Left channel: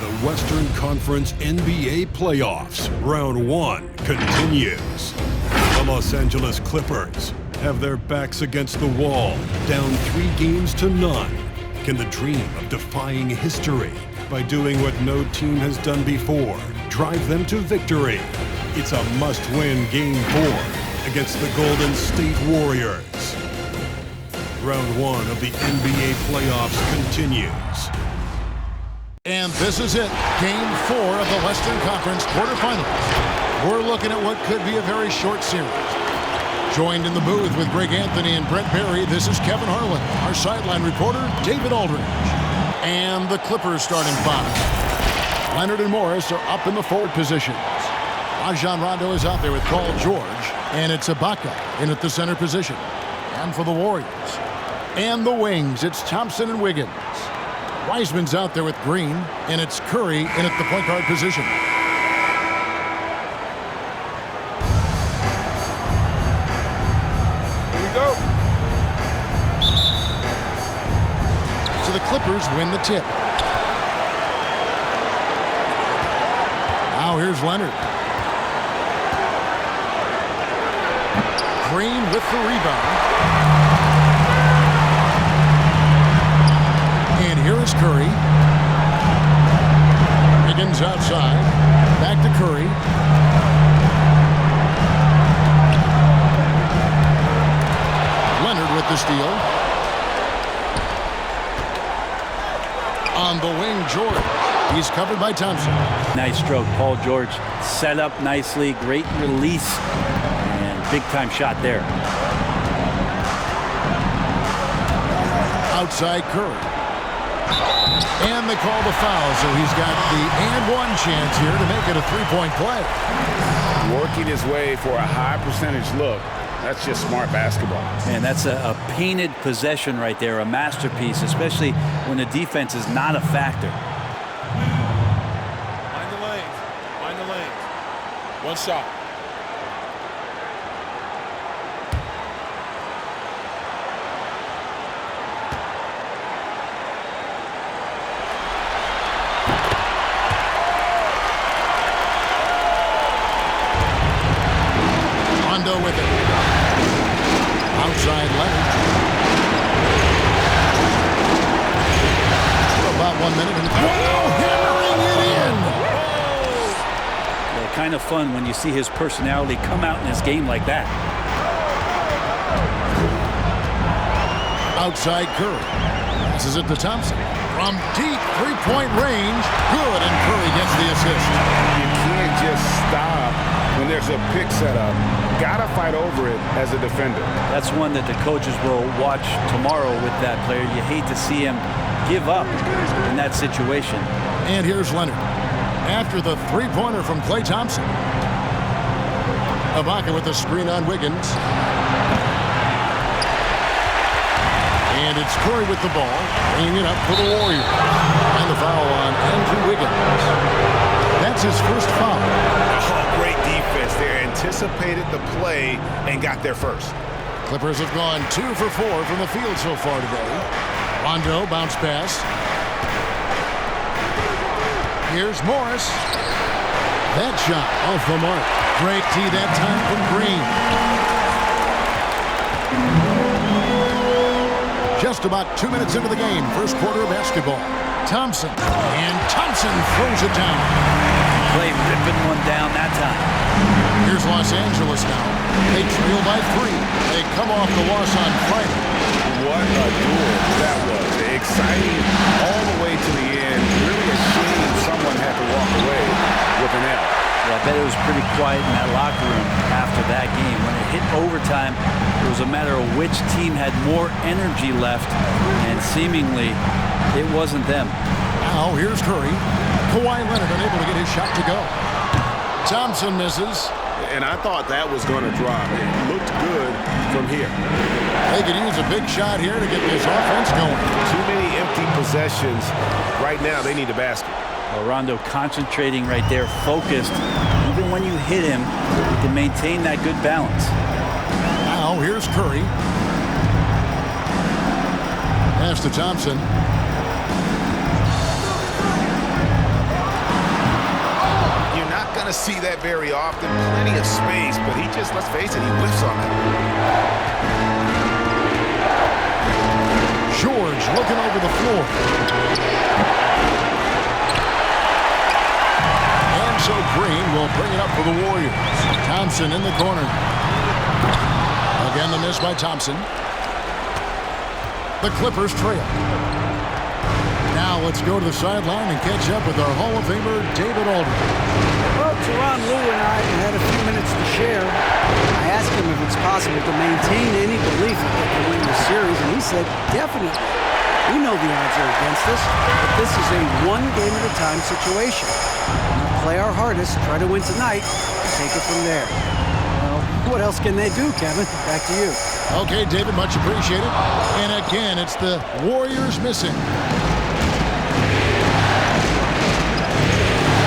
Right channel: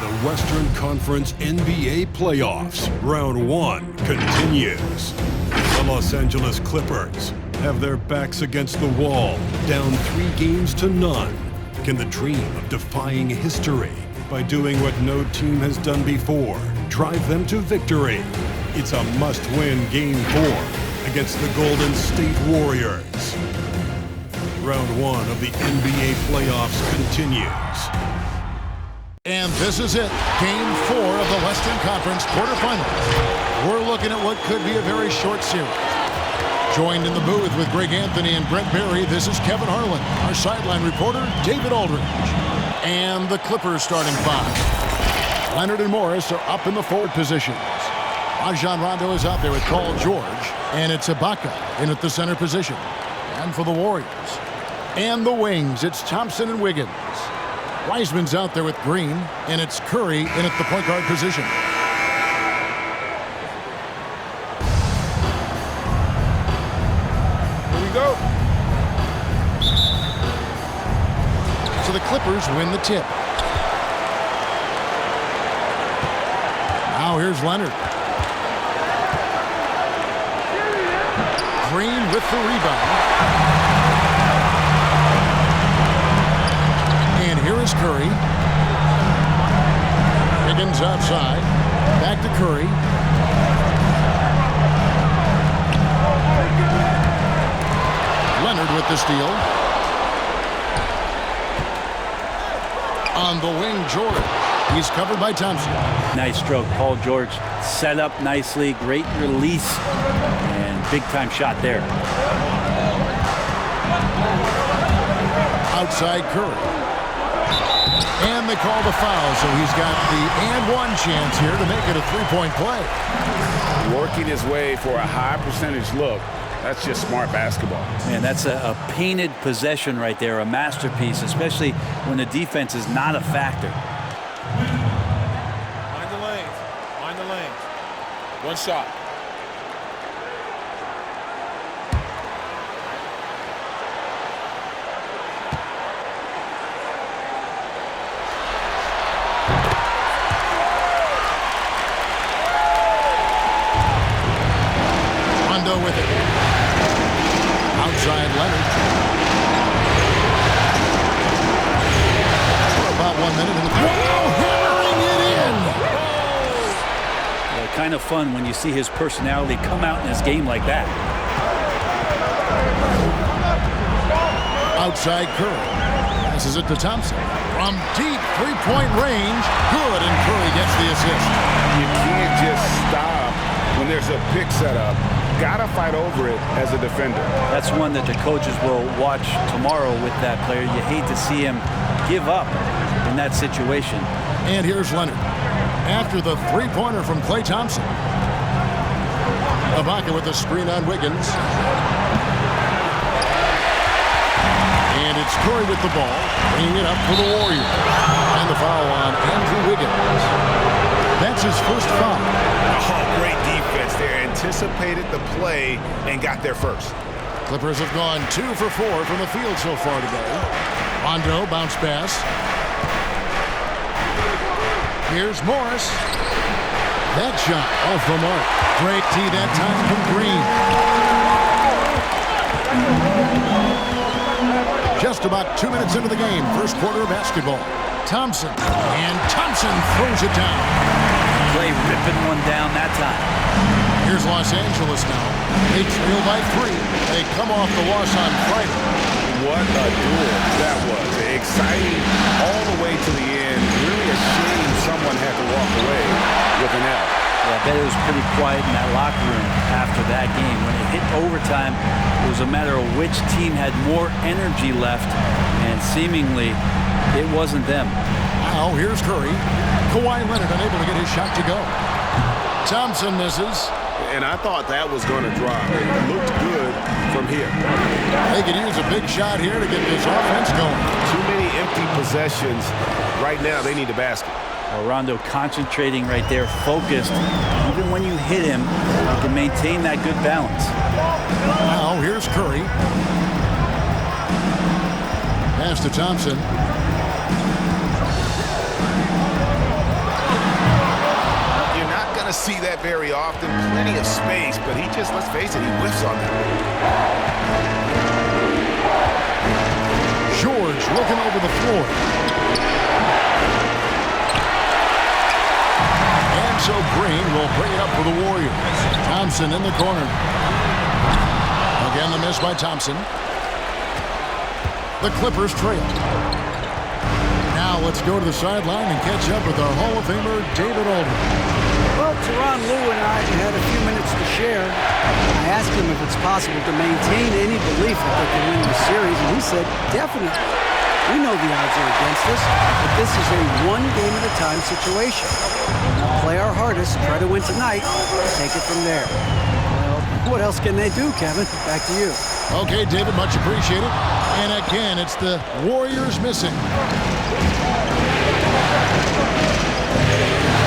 The Western Conference NBA playoffs, round 1 continues. The Los Angeles Clippers have their backs against the wall, down 3 games to none. Can the dream of defying history by doing what no team has done before drive them to victory? It's a must-win Game 4 against the Golden State Warriors. Round 1 of the NBA playoffs continues. And this is it, Game 4 of the Western Conference quarterfinals. We're looking at what could be a very short series. Joined in the booth with Greg Anthony and Brent Barry, this is Kevin Harlan. Our sideline reporter, David Aldridge. And the Clippers starting 5. Leonard and Morris are up in the forward positions. Rajon Rondo is out there with Paul George. And it's Ibaka in at the center position. And for the Warriors. And the wings, it's Thompson and Wiggins. Wiseman's out there with Green, and it's Curry in at the point guard position. Here we go. So the Clippers win the tip. Now here's Leonard. Green with the rebound. And here is Curry. Wiggins outside. Back to Curry. Leonard with the steal. On the wing, George. He's covered by Thompson. Nice stroke. Paul George set up nicely. Great release. And big-time shot there. Outside Curry. And they call the foul, so he's got the and one chance here to make it a three-point play. Working his way for a high percentage look. That's just smart basketball. And that's a painted possession right there, a masterpiece, especially when the defense is not a factor. Mind the lanes. Mind the lanes. One shot. Rondo with it. Outside Leonard. For about 1 minute and hammering it in. Yeah, kind of fun when you see his personality come out in his game like that. Outside Curry. Passes it to Thompson. From deep three-point range. Good, and Curry gets the assist. You can't just stop when there's a pick set up. Gotta fight over it as a defender. That's one that the coaches will watch tomorrow with that player. You hate to see him give up in that situation. And here's Leonard. After the three-pointer from Klay Thompson. Ibaka with the screen on Wiggins. And it's Curry with the ball, bringing it up for the Warriors. And the foul on Andrew Wiggins. That's his first foul. Oh, great defense there. Anticipated the play and got there first. Clippers have gone 2 for 4 from the field so far today. Rondo, bounce pass. Here's Morris. That shot off the mark. Great tee that time from Green. Just about 2 minutes into the game, first quarter of basketball. Thompson, and Thompson throws it down. Klay ripping one down that time. Here's Los Angeles now. They trail by 3. They come off the loss on Friday. What a duel that was. Exciting all the way to the end. Really a shame someone had to walk away with an L. Yeah, I bet it was pretty quiet in that locker room after that game. When it hit overtime, it was a matter of which team had more energy left, and seemingly it wasn't them. Now here's Curry. Kawhi Leonard unable to get his shot to go. Thompson misses. And I thought that was going to drop. It looked good from here. They could use a big shot here to get this offense going. Too many empty possessions. Right now, they need the basket. Well, Rondo concentrating right there, focused. Even when you hit him, he can maintain that good balance. Now here's Curry. Pass to Thompson. going to see that very often. Plenty of space, but he just, let's face it, he whiffs on that. George looking over the floor. And so Green will bring it up for the Warriors. Thompson in the corner. Again, the miss by Thompson. The Clippers trail. Now let's go to the sideline and catch up with our Hall of Famer, David Aldridge. Well, Tyronn Lue and I had a few minutes to share. I asked him if it's possible to maintain any belief that they can win the series, and he said, definitely. We know the odds are against us, but this is a one-game-at-a-time situation. We'll now play our hardest, try to win tonight, and take it from there. Well, what else can they do, Kevin? Back to you. Okay, David, much appreciated. And again, it's the Warriors missing.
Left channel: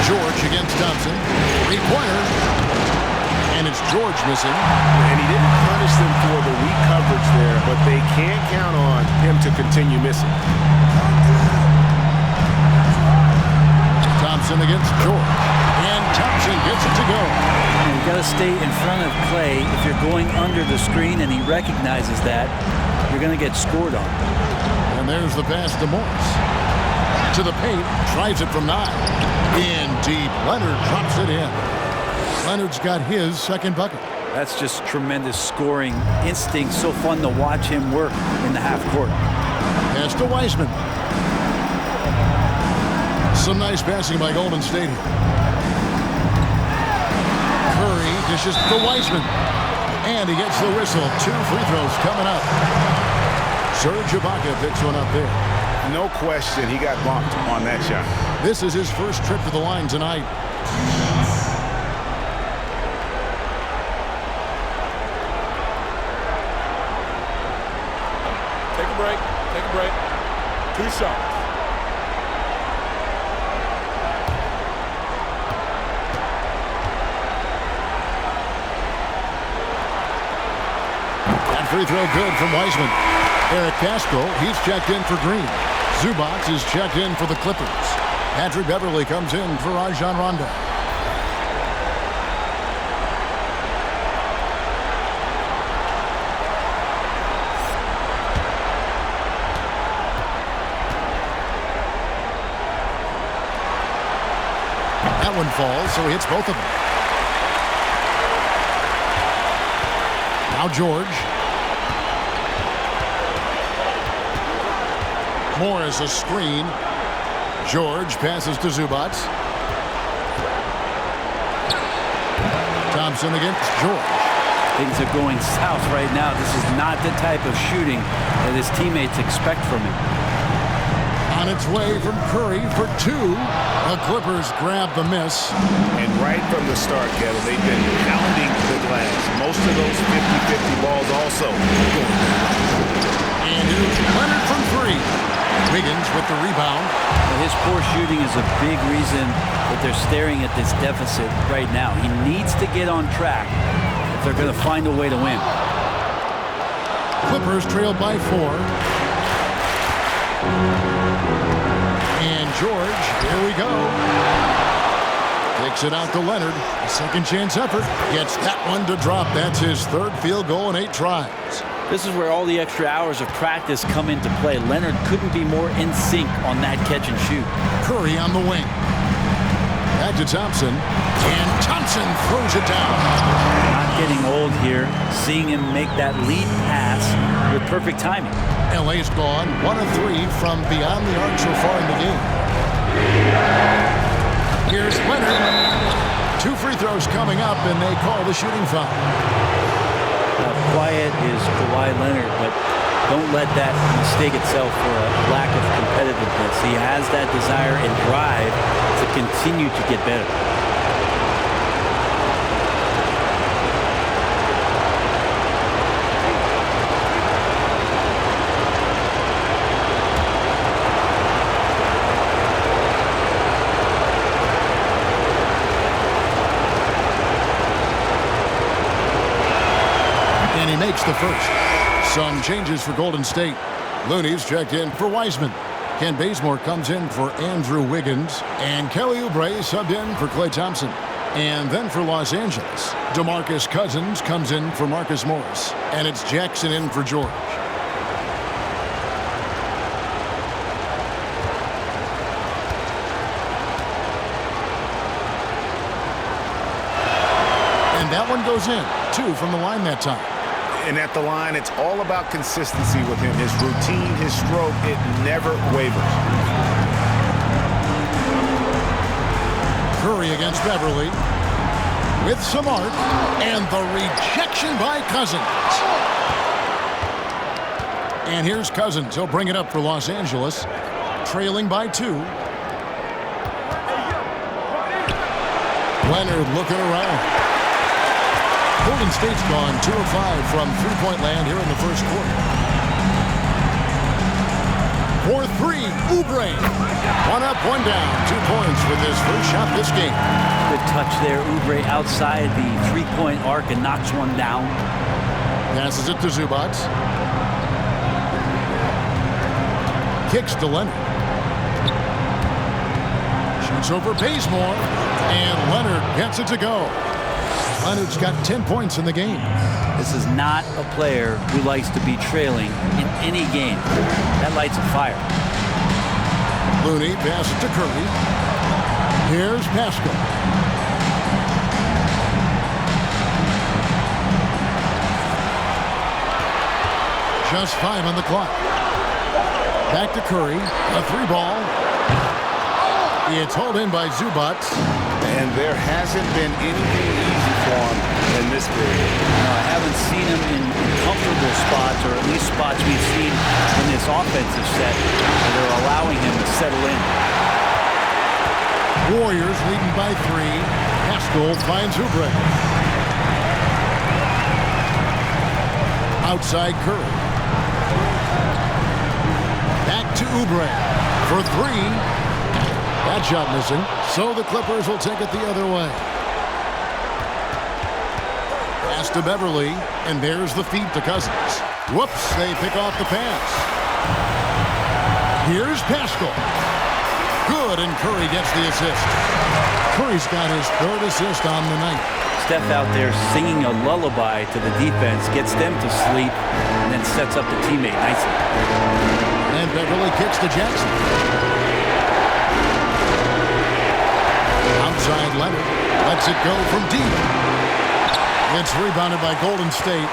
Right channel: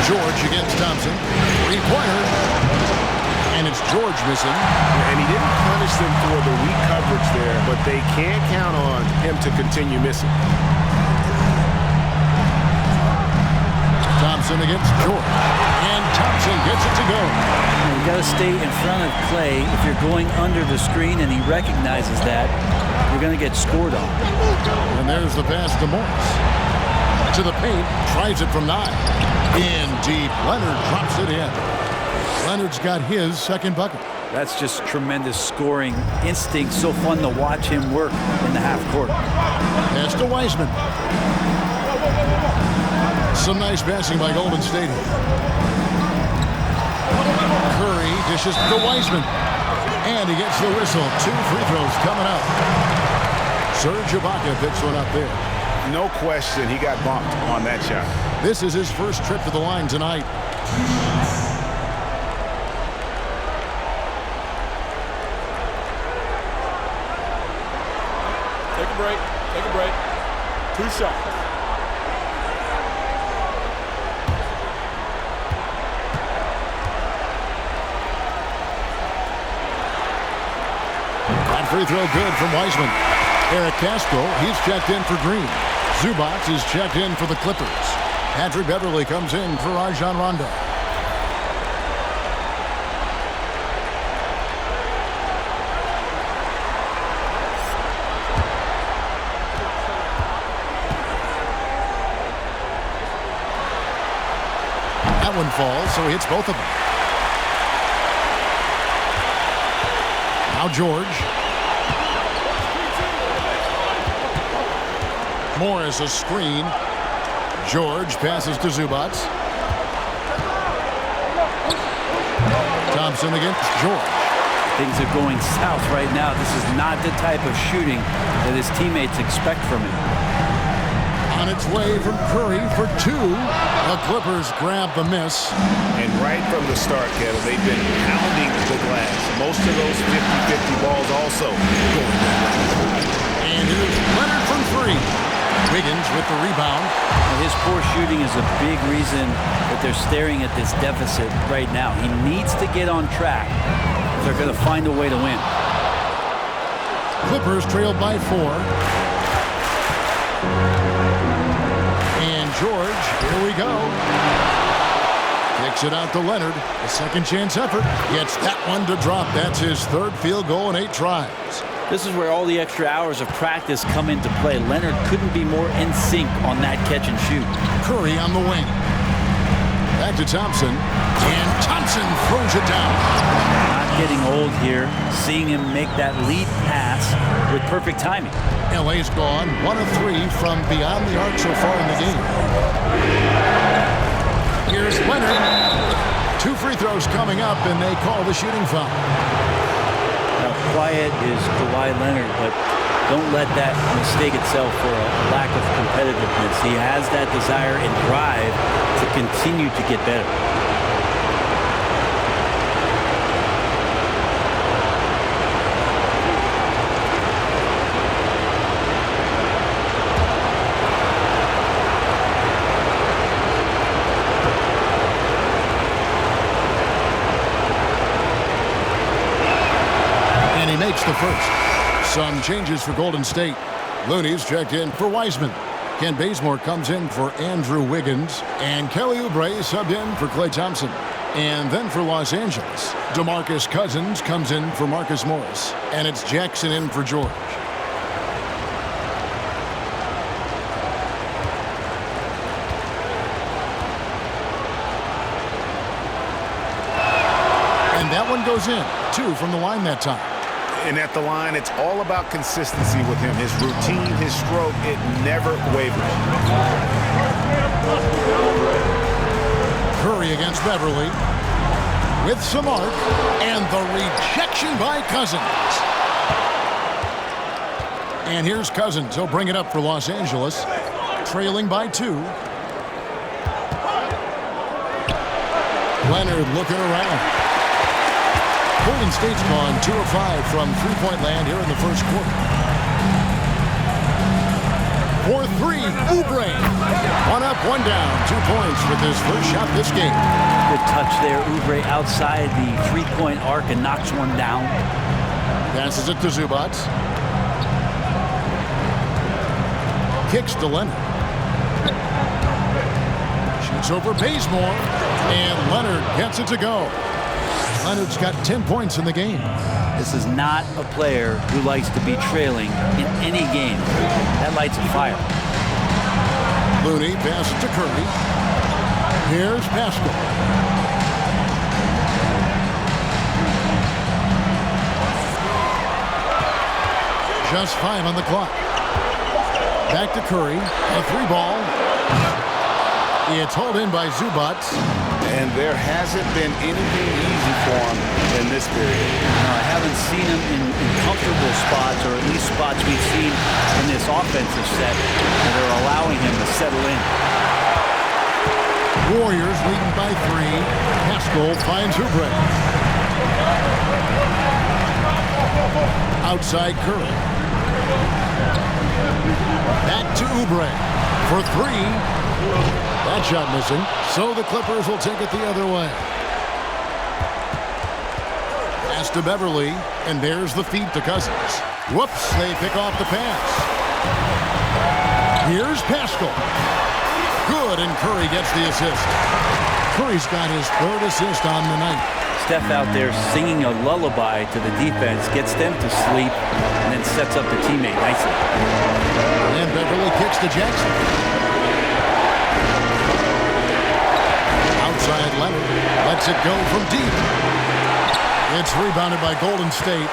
George against Thompson. Three-pointer. And it's George missing. And he didn't punish them for the weak coverage there, but they can't count on him to continue missing. Thompson against George. And Thompson gets it to go. You got to stay in front of Clay. If you're going under the screen and he recognizes that, you're going to get scored on. And there's the pass to Morris. To the paint. Tries it from 9. In deep. Leonard drops it in. Leonard's got his second bucket. That's just tremendous scoring instinct. So fun to watch him work in the half court. Pass to Wiseman. Some nice passing by Golden State here. Curry dishes to Wiseman. And he gets the whistle. 2 free throws coming up. Serge Ibaka picks one up there. No question, he got bumped on that shot. This is his first trip to the line tonight. Take a break. Take a break. 2 shots. That free throw good from Wiseman. Eric Castro, he's checked in for Green. Zubac is checked in for the Clippers. Patrick Beverly comes in for Rajon Rondo. That one falls, so he hits both of them. Now George. Morris a screen. George passes to Zubac. Thompson against George. Things are going south right now. This is not the type of shooting that his teammates expect from him. On its way from Curry for 2. The Clippers grab the miss. And right from the start, Kevin, they've been pounding the glass. Most of those 50-50 balls also going their way. And here's Leonard from 3. Wiggins with the rebound. Well, his poor shooting is a big reason that they're staring at this deficit right now. He needs to get on track if they're going to find a way to win. Clippers trailed by 4. And George, here we go. Kicks it out to Leonard. A second chance effort. Gets that one to drop. That's his 3rd field goal in 8 tries. This is where all the extra hours of practice come into play. Leonard couldn't be more in sync on that catch and shoot. Curry on the wing. Back to Thompson. And Thompson throws it down. Not getting old here. Seeing him make that lead pass with perfect timing. LA's gone 1 of 3 from beyond the arc so far in the game. Here's Leonard. 2 free throws coming up, and they call the shooting foul. Now, quiet is Kawhi Leonard, but don't let that mistake itself for a lack of competitiveness. He has that desire and drive to continue to get better. And he makes the first. Some changes for Golden State. Looney's checked in for Wiseman. Ken Bazemore comes in for Andrew Wiggins. And Kelly Oubre subbed in for Klay Thompson. And then for Los Angeles, DeMarcus Cousins comes in for Marcus Morris. And it's Jackson in for George. And that one goes in. 2 from the line that time. And at the line, it's all about consistency with him. His routine, his stroke, it never wavers. Curry against Beverly. With some arc. And the rejection by Cousins. And here's Cousins. He'll bring it up for Los Angeles. Trailing by 2. Leonard looking around. Golden State's gone 2 of 5 from three-point land here in the first quarter. For 3, Oubre. 1 up, 1 down. 2 points with his first shot this game. Good touch there. Oubre outside the three-point arc and knocks one down. Passes it to Zubac. Kicks to Leonard. Shoots over Bazemore. And Leonard gets it to go. Leonard's got 10 points in the game. This is not a player who likes to be trailing in any game. That lights a fire. Looney passes to Curry. Here's Pascal. Just 5 on the clock. Back to Curry. A 3-ball. It's hauled in by Zubac. And there hasn't been anything easy for him in this period. No, I haven't seen him in comfortable spots, or at least spots we've seen in this offensive set that are allowing him to settle in. Warriors leading by 3. Pascal finds Oubre. Outside Curry. Back to Oubre for 3. That shot missing, so the Clippers will take it the other way. Pass to Beverly, and there's the feed to Cousins. Whoops, they pick off the pass. Here's Pascal. Good, and Curry gets the assist. Curry's got his 3rd assist on the night. Steph out there singing a lullaby to the defense, gets them to sleep, and then sets up the teammate nicely. And Beverly kicks to Jackson. Outside Leonard. Lets it go from deep. It's rebounded by Golden State.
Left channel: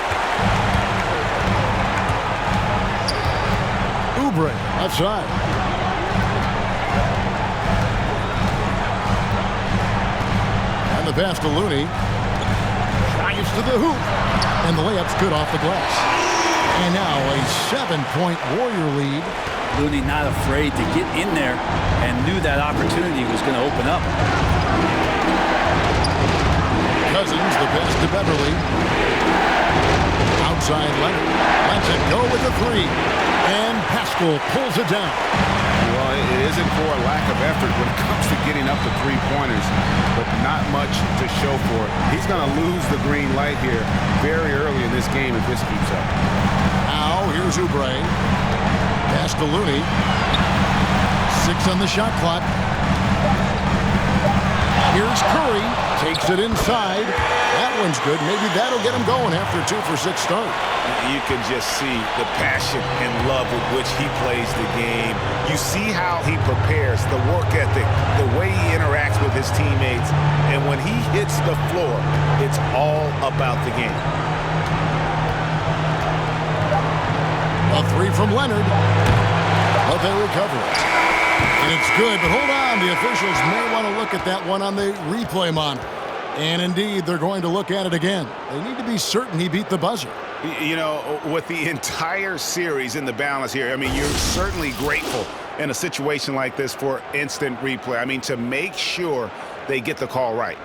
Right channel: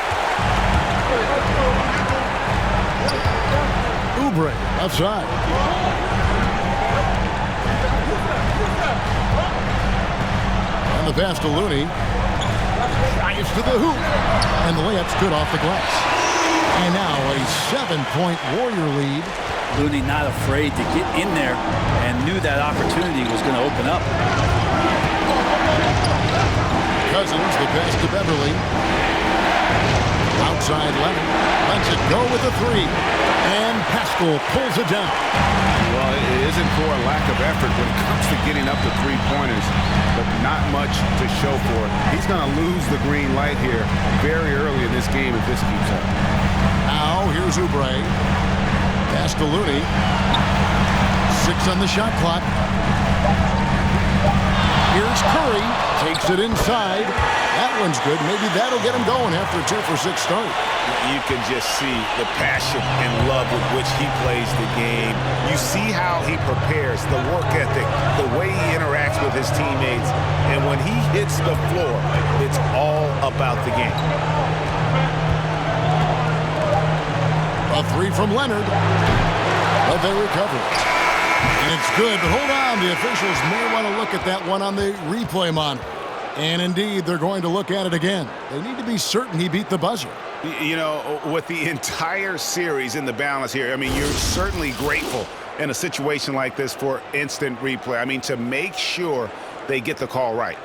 Oubre outside. And the pass to Looney. Drives to the hoop. And the layup's good off the glass. And now a 7-point Warrior lead. Looney not afraid to get in there and knew that opportunity was going to open up. Cousins, the pass to Beverly. Outside Leonard. Lets it go with a 3. And Pascal pulls it down. Well, it isn't for a lack of effort when it comes to getting up to 3-pointers, but not much to show for it. He's going to lose the green light here very early in this game if this keeps up. Now, here's Oubre. Pass to Looney. 6 on the shot clock. Here's Curry. Takes it inside. That one's good. Maybe that'll get him going after a 2-for-6 start. You can just see the passion and love with which he plays the game. You see how he prepares, the work ethic, the way he interacts with his teammates. And when he hits the floor, it's all about the game. A 3 from Leonard. But they recover it. And it's good, but hold on. The officials may want to look at that one on the replay monitor. And indeed, they're going to look at it again. They need to be certain he beat the buzzer. You know, with the entire series in the balance here, I mean, you're certainly grateful in a situation like this for instant replay. I mean, to make sure they get the call right.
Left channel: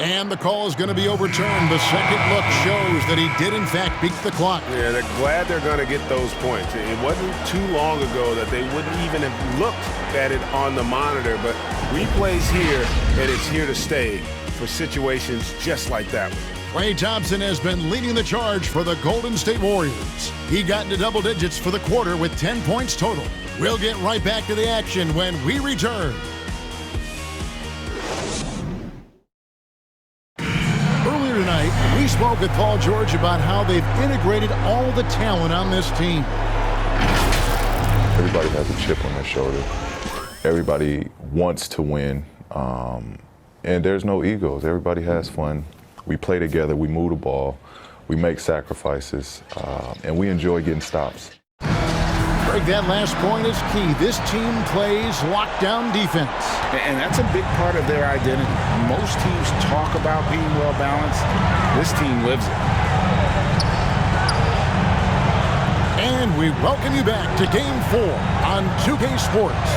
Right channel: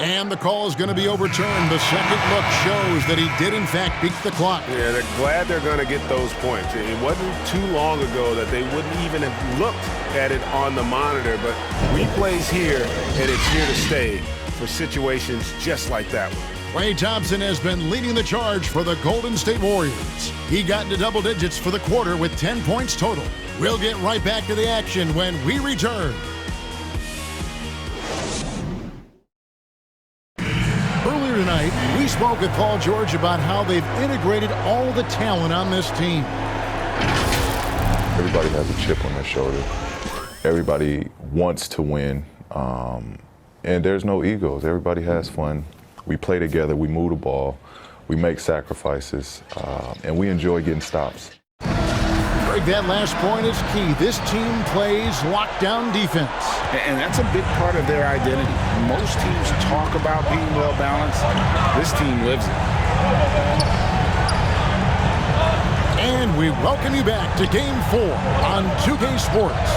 And the call is going to be overturned. The second look shows that he did, in fact, beat the clock. Yeah, they're glad they're going to get those points. It wasn't too long ago that they wouldn't even have looked at it on the monitor, but replays here, and it's here to stay for situations just like that one. Klay Thompson has been leading the charge for the Golden State Warriors. He got into double digits for the quarter with 10 points total. We'll get right back to the action when we return. Earlier tonight, we spoke with Paul George about how they've integrated all the talent on this team. Everybody has a chip on their shoulder. Everybody wants to win, and there's no egos. Everybody has fun. We play together, we move the ball, we make sacrifices, and we enjoy getting stops. Greg, that last point is key. This team plays lockdown defense. And that's a big part of their identity. Most teams talk about being well-balanced. This team lives it. And we welcome you back to Game 4 on 2K Sports.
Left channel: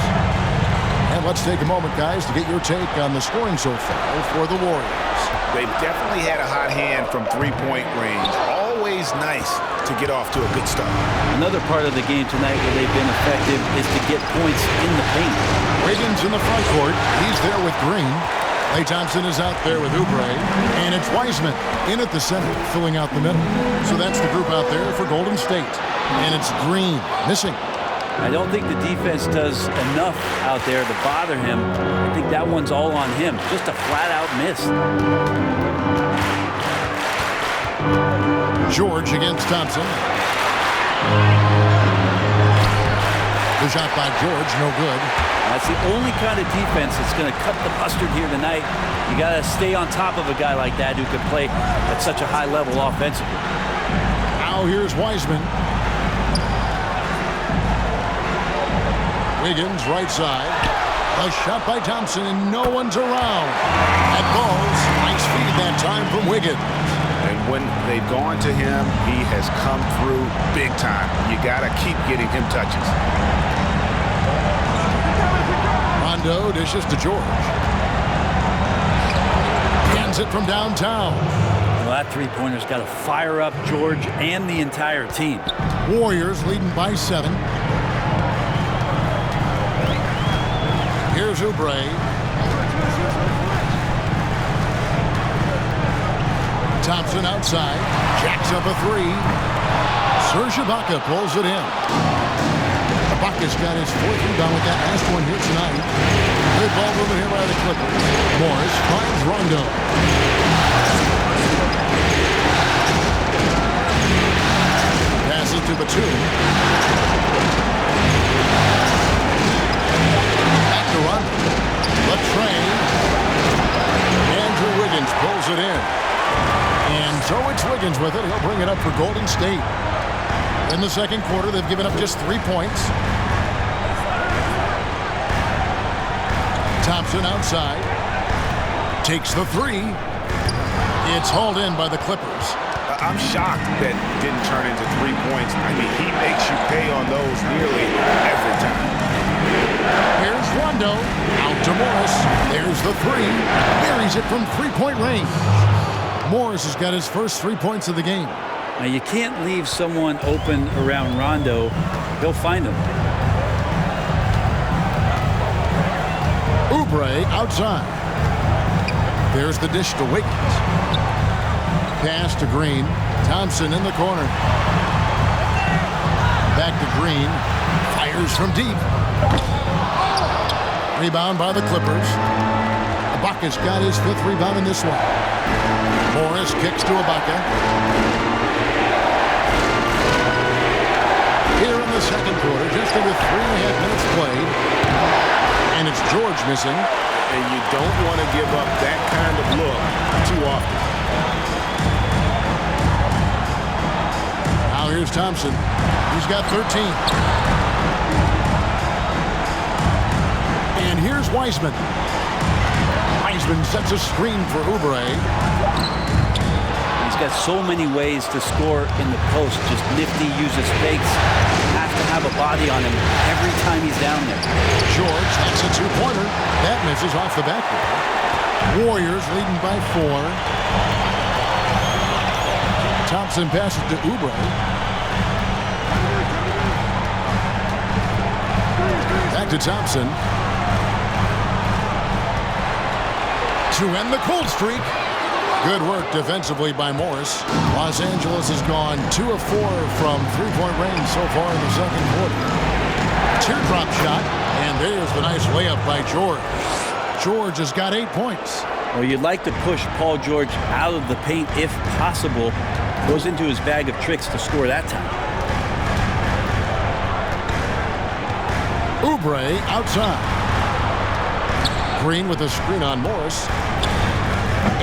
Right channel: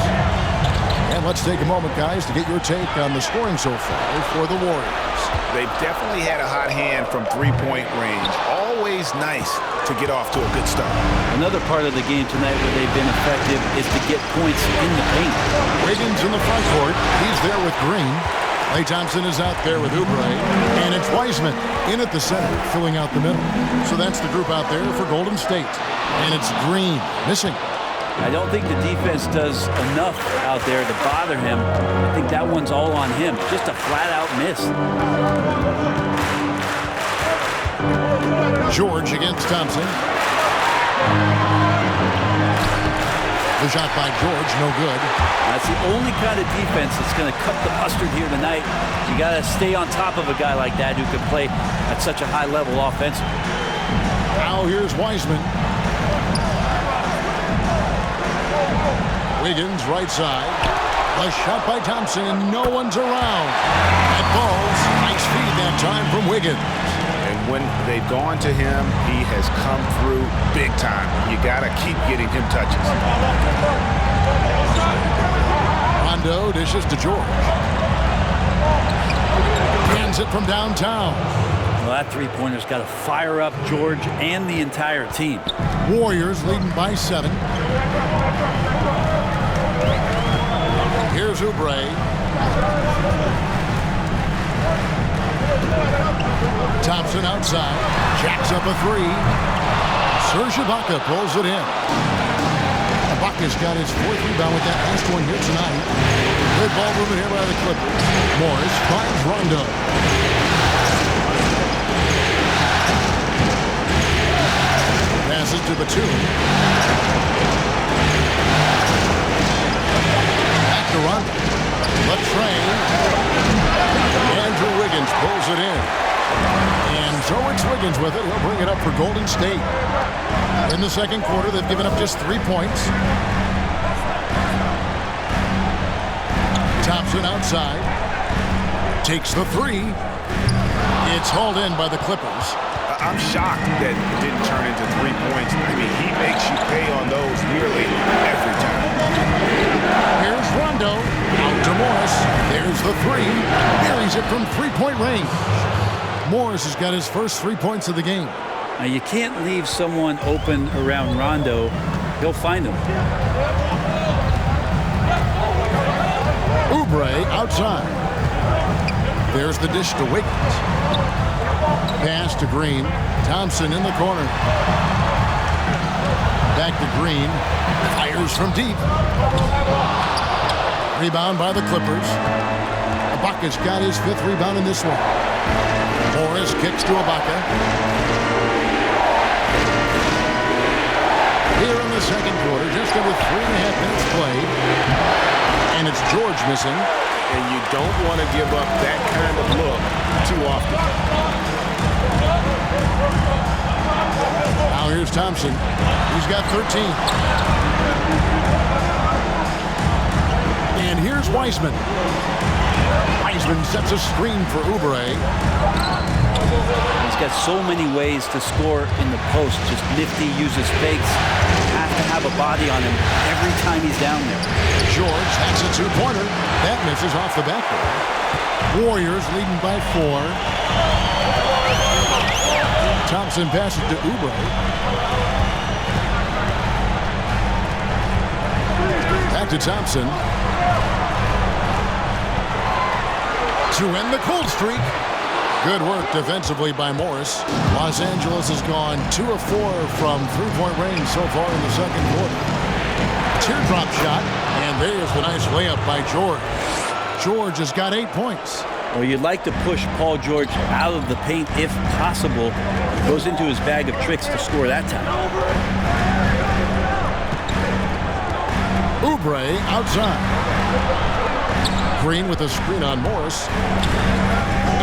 And let's take a moment, guys, to get your take on the scoring so far for the Warriors. They've definitely had a hot hand from three-point range. Always nice to get off to a good start. Another part of the game tonight where they've been effective is to get points in the paint. Wiggins in the front court. He's there with Green. Klay Thompson is out there with Oubre. And it's Wiseman in at the center, filling out the middle. So that's the group out there for Golden State. And it's Green missing. I don't think the defense does enough out there to bother him. I think that one's all on him. Just a flat-out miss. George against Thompson. The shot by George, no good. That's the only kind of defense that's going to cut the mustard here tonight. You got to stay on top of a guy like that who can play at such a high level offensively. Now here's Wiseman. Wiggins, right side. A shot by Thompson, and no one's around. That ball's nice feed that time from Wiggins. And when they've gone to him, he has come through big time. You got to keep getting him touches. Rondo dishes to George. Hands it from downtown. Well, that three-pointer's got to fire up George and the entire team. Warriors leading by 7. Here's Oubre. Thompson outside. Jacks up a 3. Serge Ibaka pulls it in. Ibaka's got his 4th rebound with that last one here tonight. Good ball movement here by the Clippers. Morris finds Rondo. Passes to Batum. To Rondo. The train. Andrew Wiggins pulls it in. And so it's Wiggins with it. He'll bring it up for Golden State. In the second quarter, they've given up just 3 points. Thompson outside. Takes the 3. It's hauled in by the Clippers. I'm shocked that didn't turn into 3 points. I mean, he makes you pay on those nearly every time. Here's Rondo. Out to Morris. There's the 3. Buries it from three-point range. Morris has got his first 3 points of the game. Now, you can't leave someone open around Rondo. He'll find him. Oubre outside. There's the dish to Wiggins. Pass to Green. Thompson in the corner. Back to Green. Fires from deep. Rebound by the Clippers. Ibaka's got his 5th rebound in this one. Morris kicks to Ibaka. Here in the second quarter, just under 3.5 minutes played. And it's George missing. And you don't want to give up that kind of look too often. Now here's Thompson. He's got 13. And here's Wiseman. Wiseman sets a screen for Oubre. He's got so many ways to score in the post. Just nifty, uses fakes. Have to have a body on him every time he's down there. George hacks a 2-pointer. That misses off the backboard. Warriors leading by 4. Thompson passes to Oubre. Back to Thompson. To end the cold streak. Good work defensively by Morris. Los Angeles has gone 2 of 4 from three-point range so far in the second quarter. Teardrop shot, and there's the nice layup by George. George has got 8 points. Well, you'd like to push Paul George out of the paint if possible. Goes into his bag of tricks to score that time. Oubre outside. Green with a screen on Morris.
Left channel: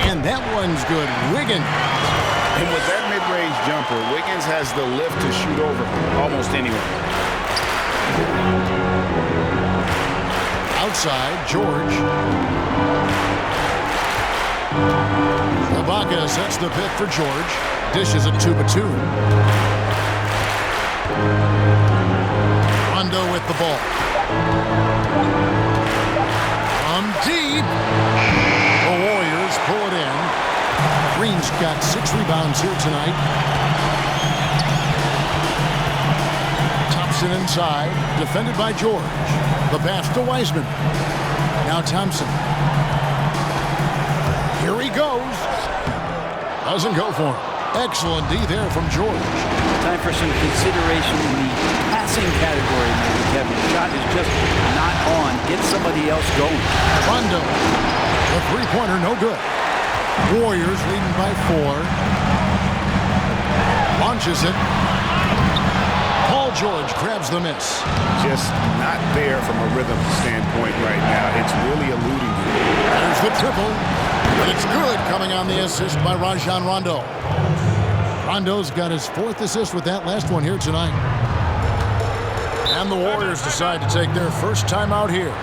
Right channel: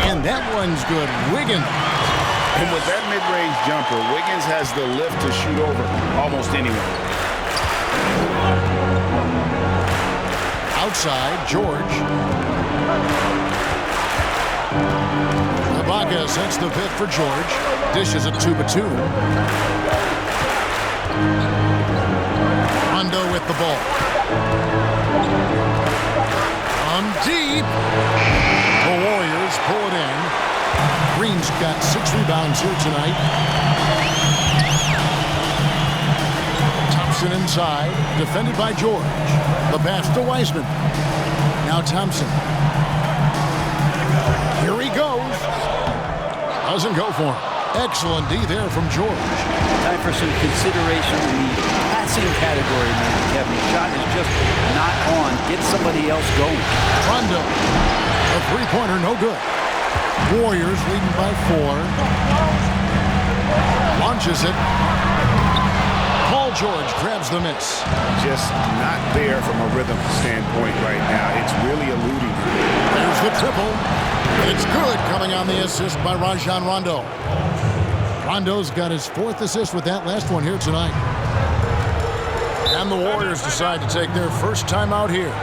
And that one's good. Wiggins. And with that mid-range jumper, Wiggins has the lift to shoot over almost anyone. Outside, George. Ibaka sets the pick for George. Dishes it to Batum. Rondo with the ball. From deep. The Warriors pull it in. Green's got 6 rebounds here tonight. Thompson inside, defended by George. The pass to Wiseman. Now Thompson. Here he goes. Doesn't go for him. Excellent D there from George. Time for some consideration in the passing category, maybe, Kevin. The shot is just not on. Get somebody else going. Rondo. The three-pointer, no good. Warriors leading by 4. Launches it. Paul George grabs the miss. Just not there from a rhythm standpoint right now. It's really eluding him. There's the triple. And it's good, coming on the assist by Rajon Rondo. Rondo's got his 4th assist with that last one here tonight. And the Warriors decide to take their first time out here.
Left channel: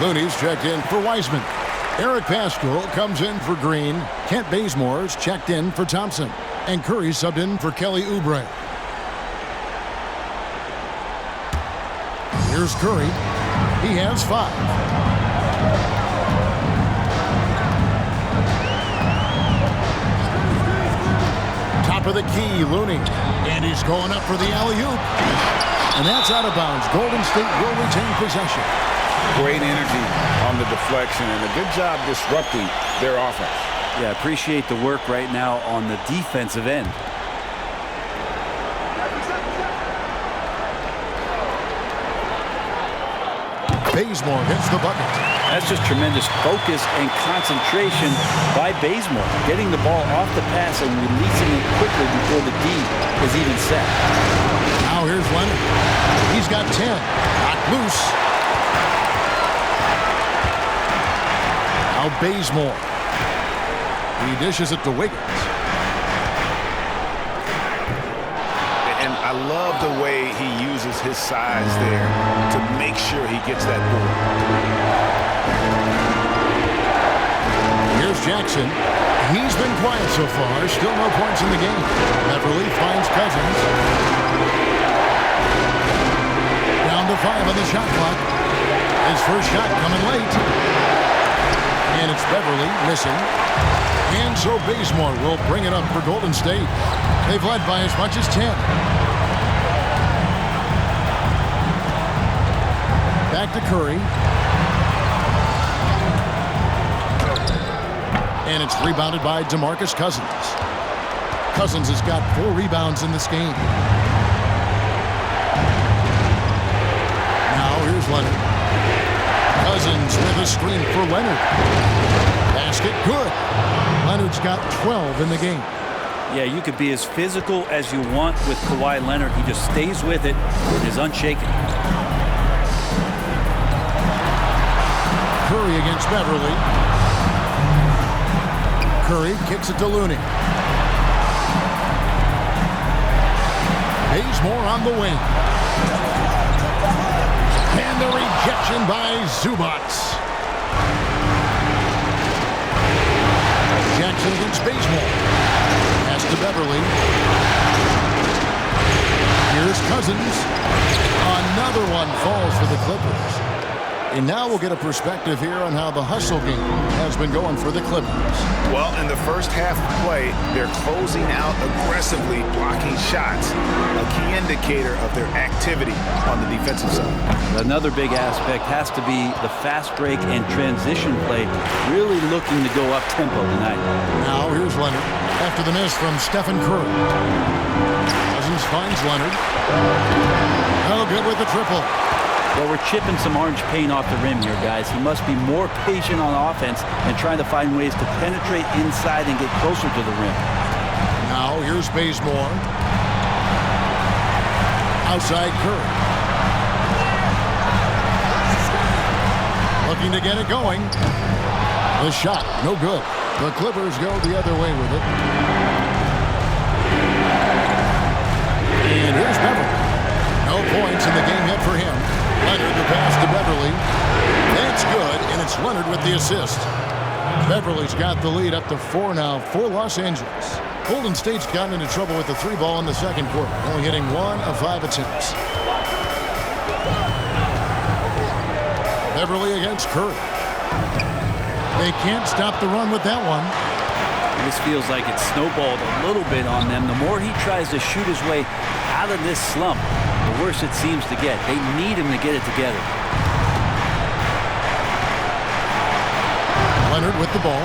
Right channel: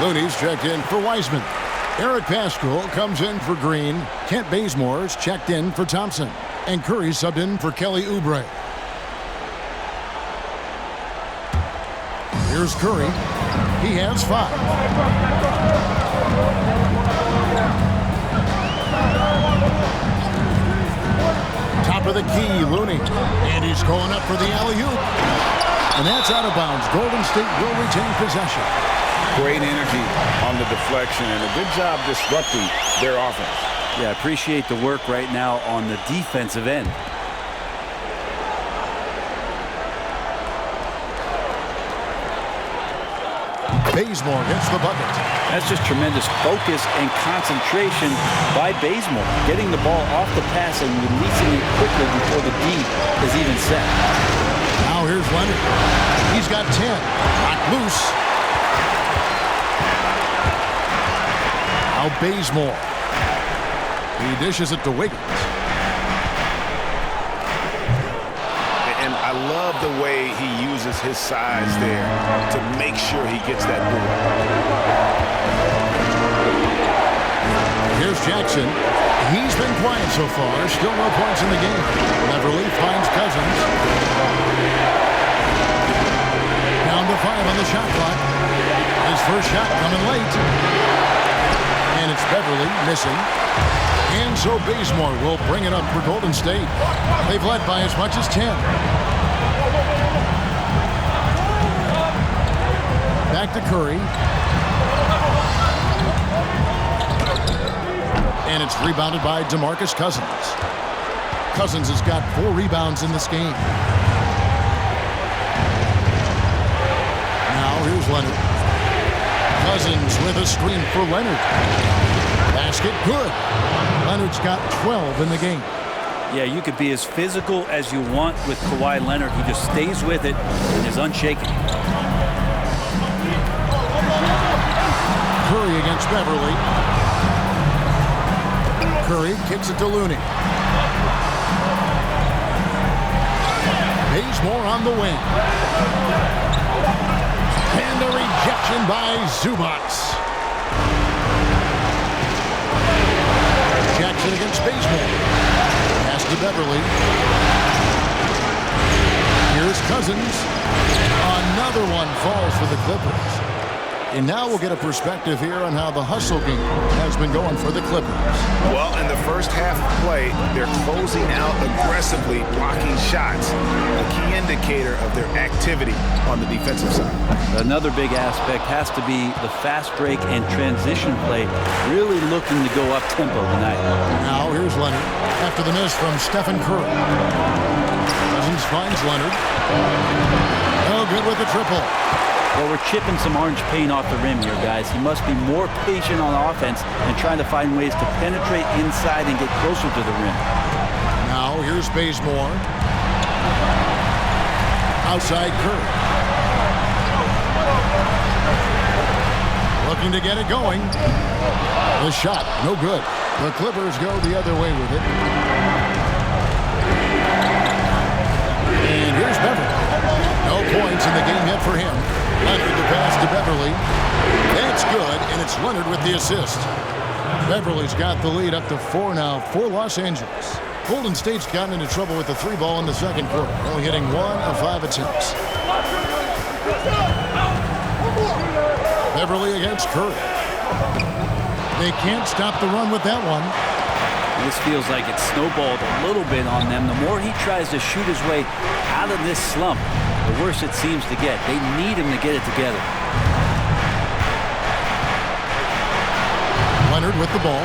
Looney's checked in for Wiseman. Eric Paschal comes in for Green. Kent Bazemore's checked in for Thompson. And Curry subbed in for Kelly Oubre. Here's Curry. He has 5. Top of the key, Looney. And he's going up for the alley-oop. And that's out of bounds. Golden State will retain possession. Great energy on the deflection and a good job disrupting their offense. Yeah, appreciate the work right now on the defensive end. Bazemore hits the bucket. That's just tremendous focus and concentration by Bazemore, getting the ball off the pass and releasing it quickly before the D is even set. Now here's Leonard. He's got 10. Knocked loose. Now Bazemore. He dishes it to Wiggins. And I love the way he uses his size there to make sure he gets that board. Here's Jackson. He's been quiet so far. Still no points in the game. Beverly finds Cousins. Down to 5 on the shot clock. His first shot coming late. And it's Beverly missing. And so Bazemore will bring it up for Golden State. They've led by as much as 10. Back to Curry. And it's rebounded by DeMarcus Cousins. Cousins has got 4 rebounds in this game. Now here's Leonard. Cousins with a screen for Leonard. Basket good. Leonard's got 12 in the game. Yeah, you could be as physical as you want with Kawhi Leonard. He just stays with it and is unshaken. Curry against Beverly. Curry kicks it to Looney. Bazemore on the wing. And the rejection by Zubac. Jackson against Bazemore. Pass to Beverly. Here's Cousins. Another one falls for the Clippers. And now we'll get a perspective here on how the hustle game has been going for the Clippers. Well, in the first half of play, they're closing out aggressively, blocking shots, a key indicator of their activity on the defensive side. Another big aspect has to be the fast break and transition play, really looking to go up-tempo tonight. Now here's Leonard after the miss from Stephen Curry. Cousins finds Leonard. No good with the triple. Well, we're chipping some orange paint off the rim here, guys. He must be more patient on offense and trying to find ways to penetrate inside and get closer to the rim. Now here's Bazemore. Outside Curry. Looking to get it going. The shot, no good. The Clippers go the other way with it. And here's Beverly. No points in the game yet for him. Leonard the pass to Beverly. That's good, and it's Leonard with the assist. Beverly's got the lead up to 4 now for Los Angeles. Golden State's gotten into trouble with the 3-ball in the second quarter, only hitting 1 of 5 attempts. Beverly against Curry. They can't stop the run with that one. This feels like it's snowballed a little bit on them. The more he tries to shoot his way out of this slump, the worse it seems to get. They need him to get it together. Leonard with the ball.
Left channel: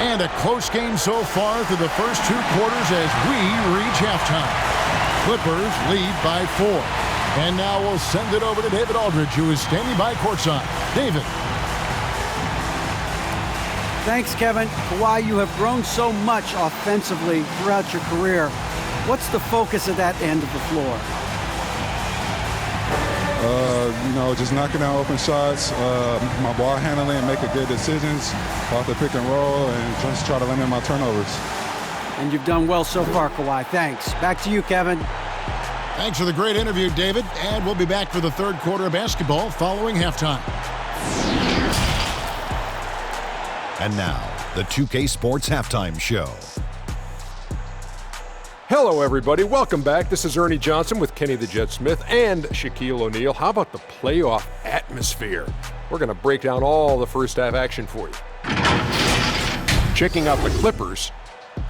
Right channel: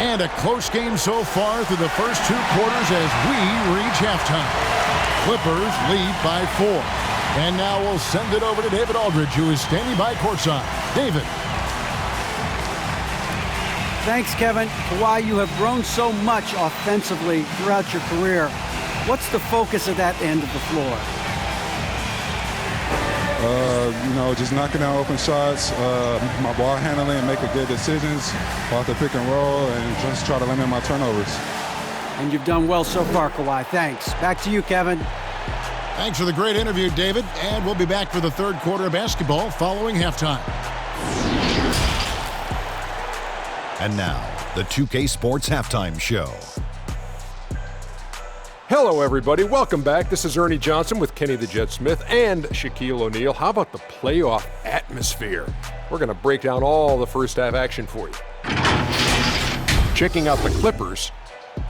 And a close game so far through the first 2 quarters as we reach halftime. Clippers lead by 4. And now we'll send it over to David Aldridge, who is standing by courtside. David. Thanks, Kevin. Kawhi, you have grown so much offensively throughout your career. What's the focus of that end of the floor? Just knocking down open shots, my ball handling, making good decisions off the pick and roll, and just try to limit my turnovers. And you've done well so far, Kawhi. Thanks. Back to you, Kevin. Thanks for the great interview, David. And we'll be back for the third quarter of basketball following halftime. And now, the 2K Sports Halftime Show. Hello, everybody. Welcome back. This is Ernie Johnson with Kenny the Jet Smith and Shaquille O'Neal. How about the playoff atmosphere? We're going to break down all the first half action for you. Checking out the Clippers.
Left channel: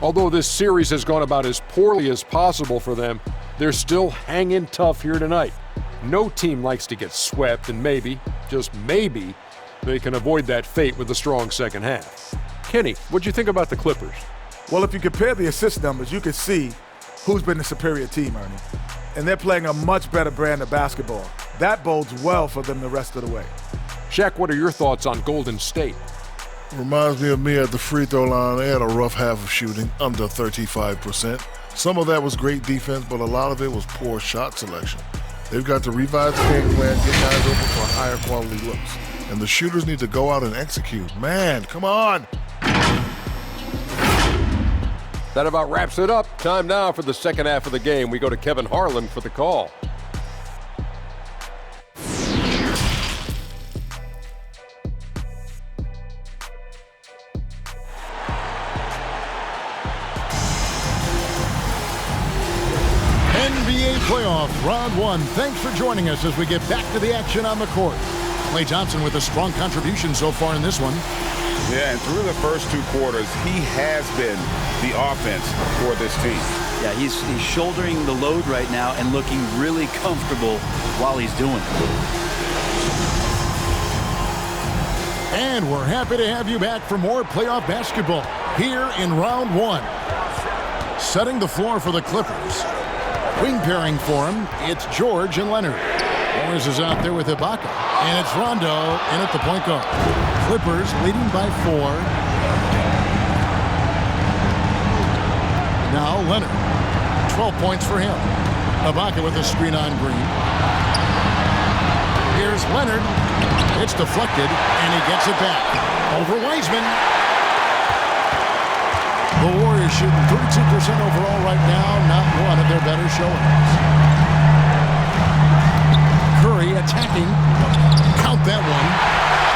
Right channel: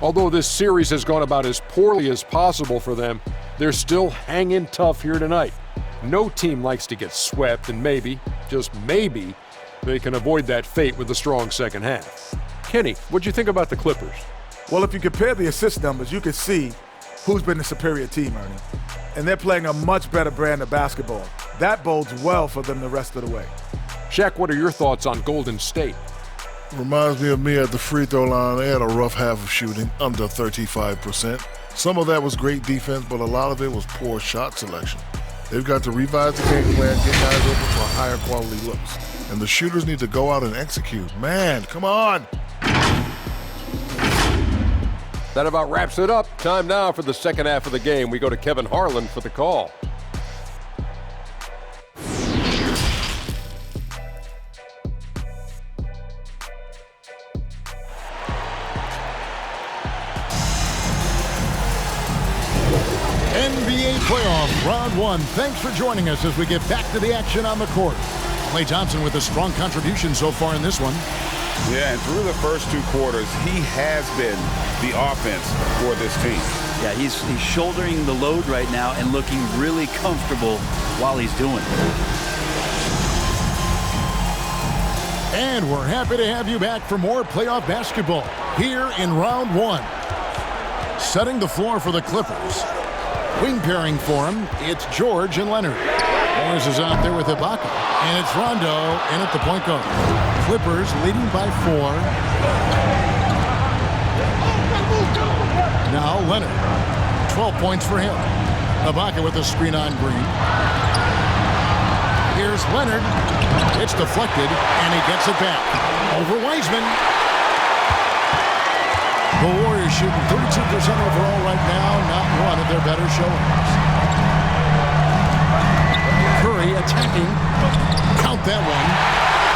Although this series has gone about as poorly as possible for them, they're still hanging tough here tonight. No team likes to get swept, and maybe, just maybe, they can avoid that fate with a strong second half. Kenny, what'd you think about the Clippers? Well, if you compare the assist numbers, you can see who's been the superior team, Ernie. And they're playing a much better brand of basketball. That bodes well for them the rest of the way. Shaq, what are your thoughts on Golden State? Reminds me of me at the free throw line. They had a rough half of shooting, under 35%. Some of that was great defense, but a lot of it was poor shot selection. They've got to revise the game plan, get guys open for higher quality looks. And the shooters need to go out and execute. Man, come on! That about wraps it up. Time now for the second half of the game. We go to Kevin Harlan for the call. NBA playoff round 1. Thanks for joining us as we get back to the action on the court. Klay Thompson with a strong contribution so far in this one. Yeah, and through the first 2 quarters, he has been the offense for this team. Yeah, he's shouldering the load right now and looking really comfortable while he's doing it. And we're happy to have you back for more playoff basketball here in round 1. Setting the floor for the Clippers. Wing pairing for him, it's George and Leonard. Morris is out there with Ibaka, and it's Rondo in at the point guard. Clippers leading by 4. Now Leonard, 12 points for him. Ibaka with a screen on Green. Here's Leonard. It's deflected, and he gets it back. Over Wiseman. The Warriors shooting 32% overall right now, not one of their better showings. Curry attacking. Count that one.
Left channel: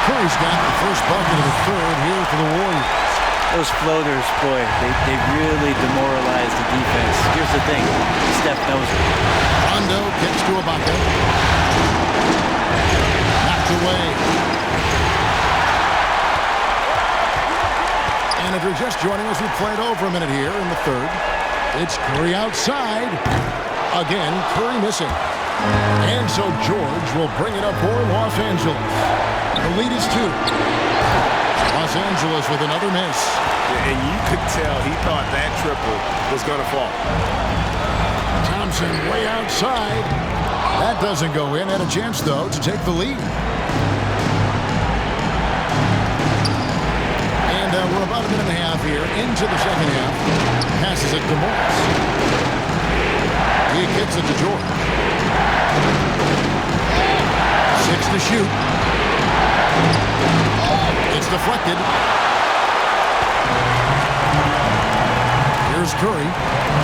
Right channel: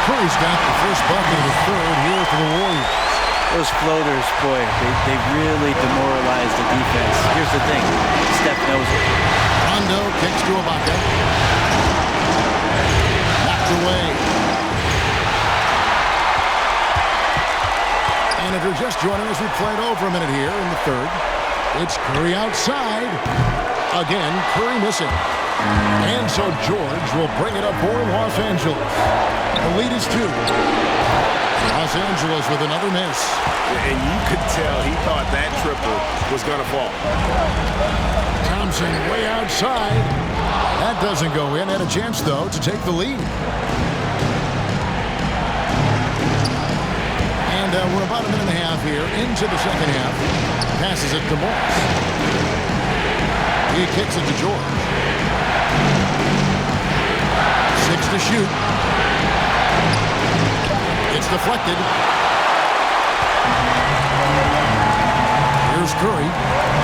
Curry's got the first bucket of the third here for the Warriors. Those floaters, boy, they really demoralize the defense. Here's the thing. Steph knows it. Rondo kicks to Ibaka. Knocked away. And if you're just joining us, we played over a minute here in the third. It's Curry outside. Again, Curry missing. And so George will bring it up for Los Angeles. The lead is 2. Los Angeles with another miss. And you could tell he thought that triple was going to fall. Thompson way outside. That doesn't go in. Had a chance, though, to take the lead. And we're about a minute and a half here into the second half. Passes it to Morris. He kicks it to George. 6 to shoot. It's deflected. Here's Curry.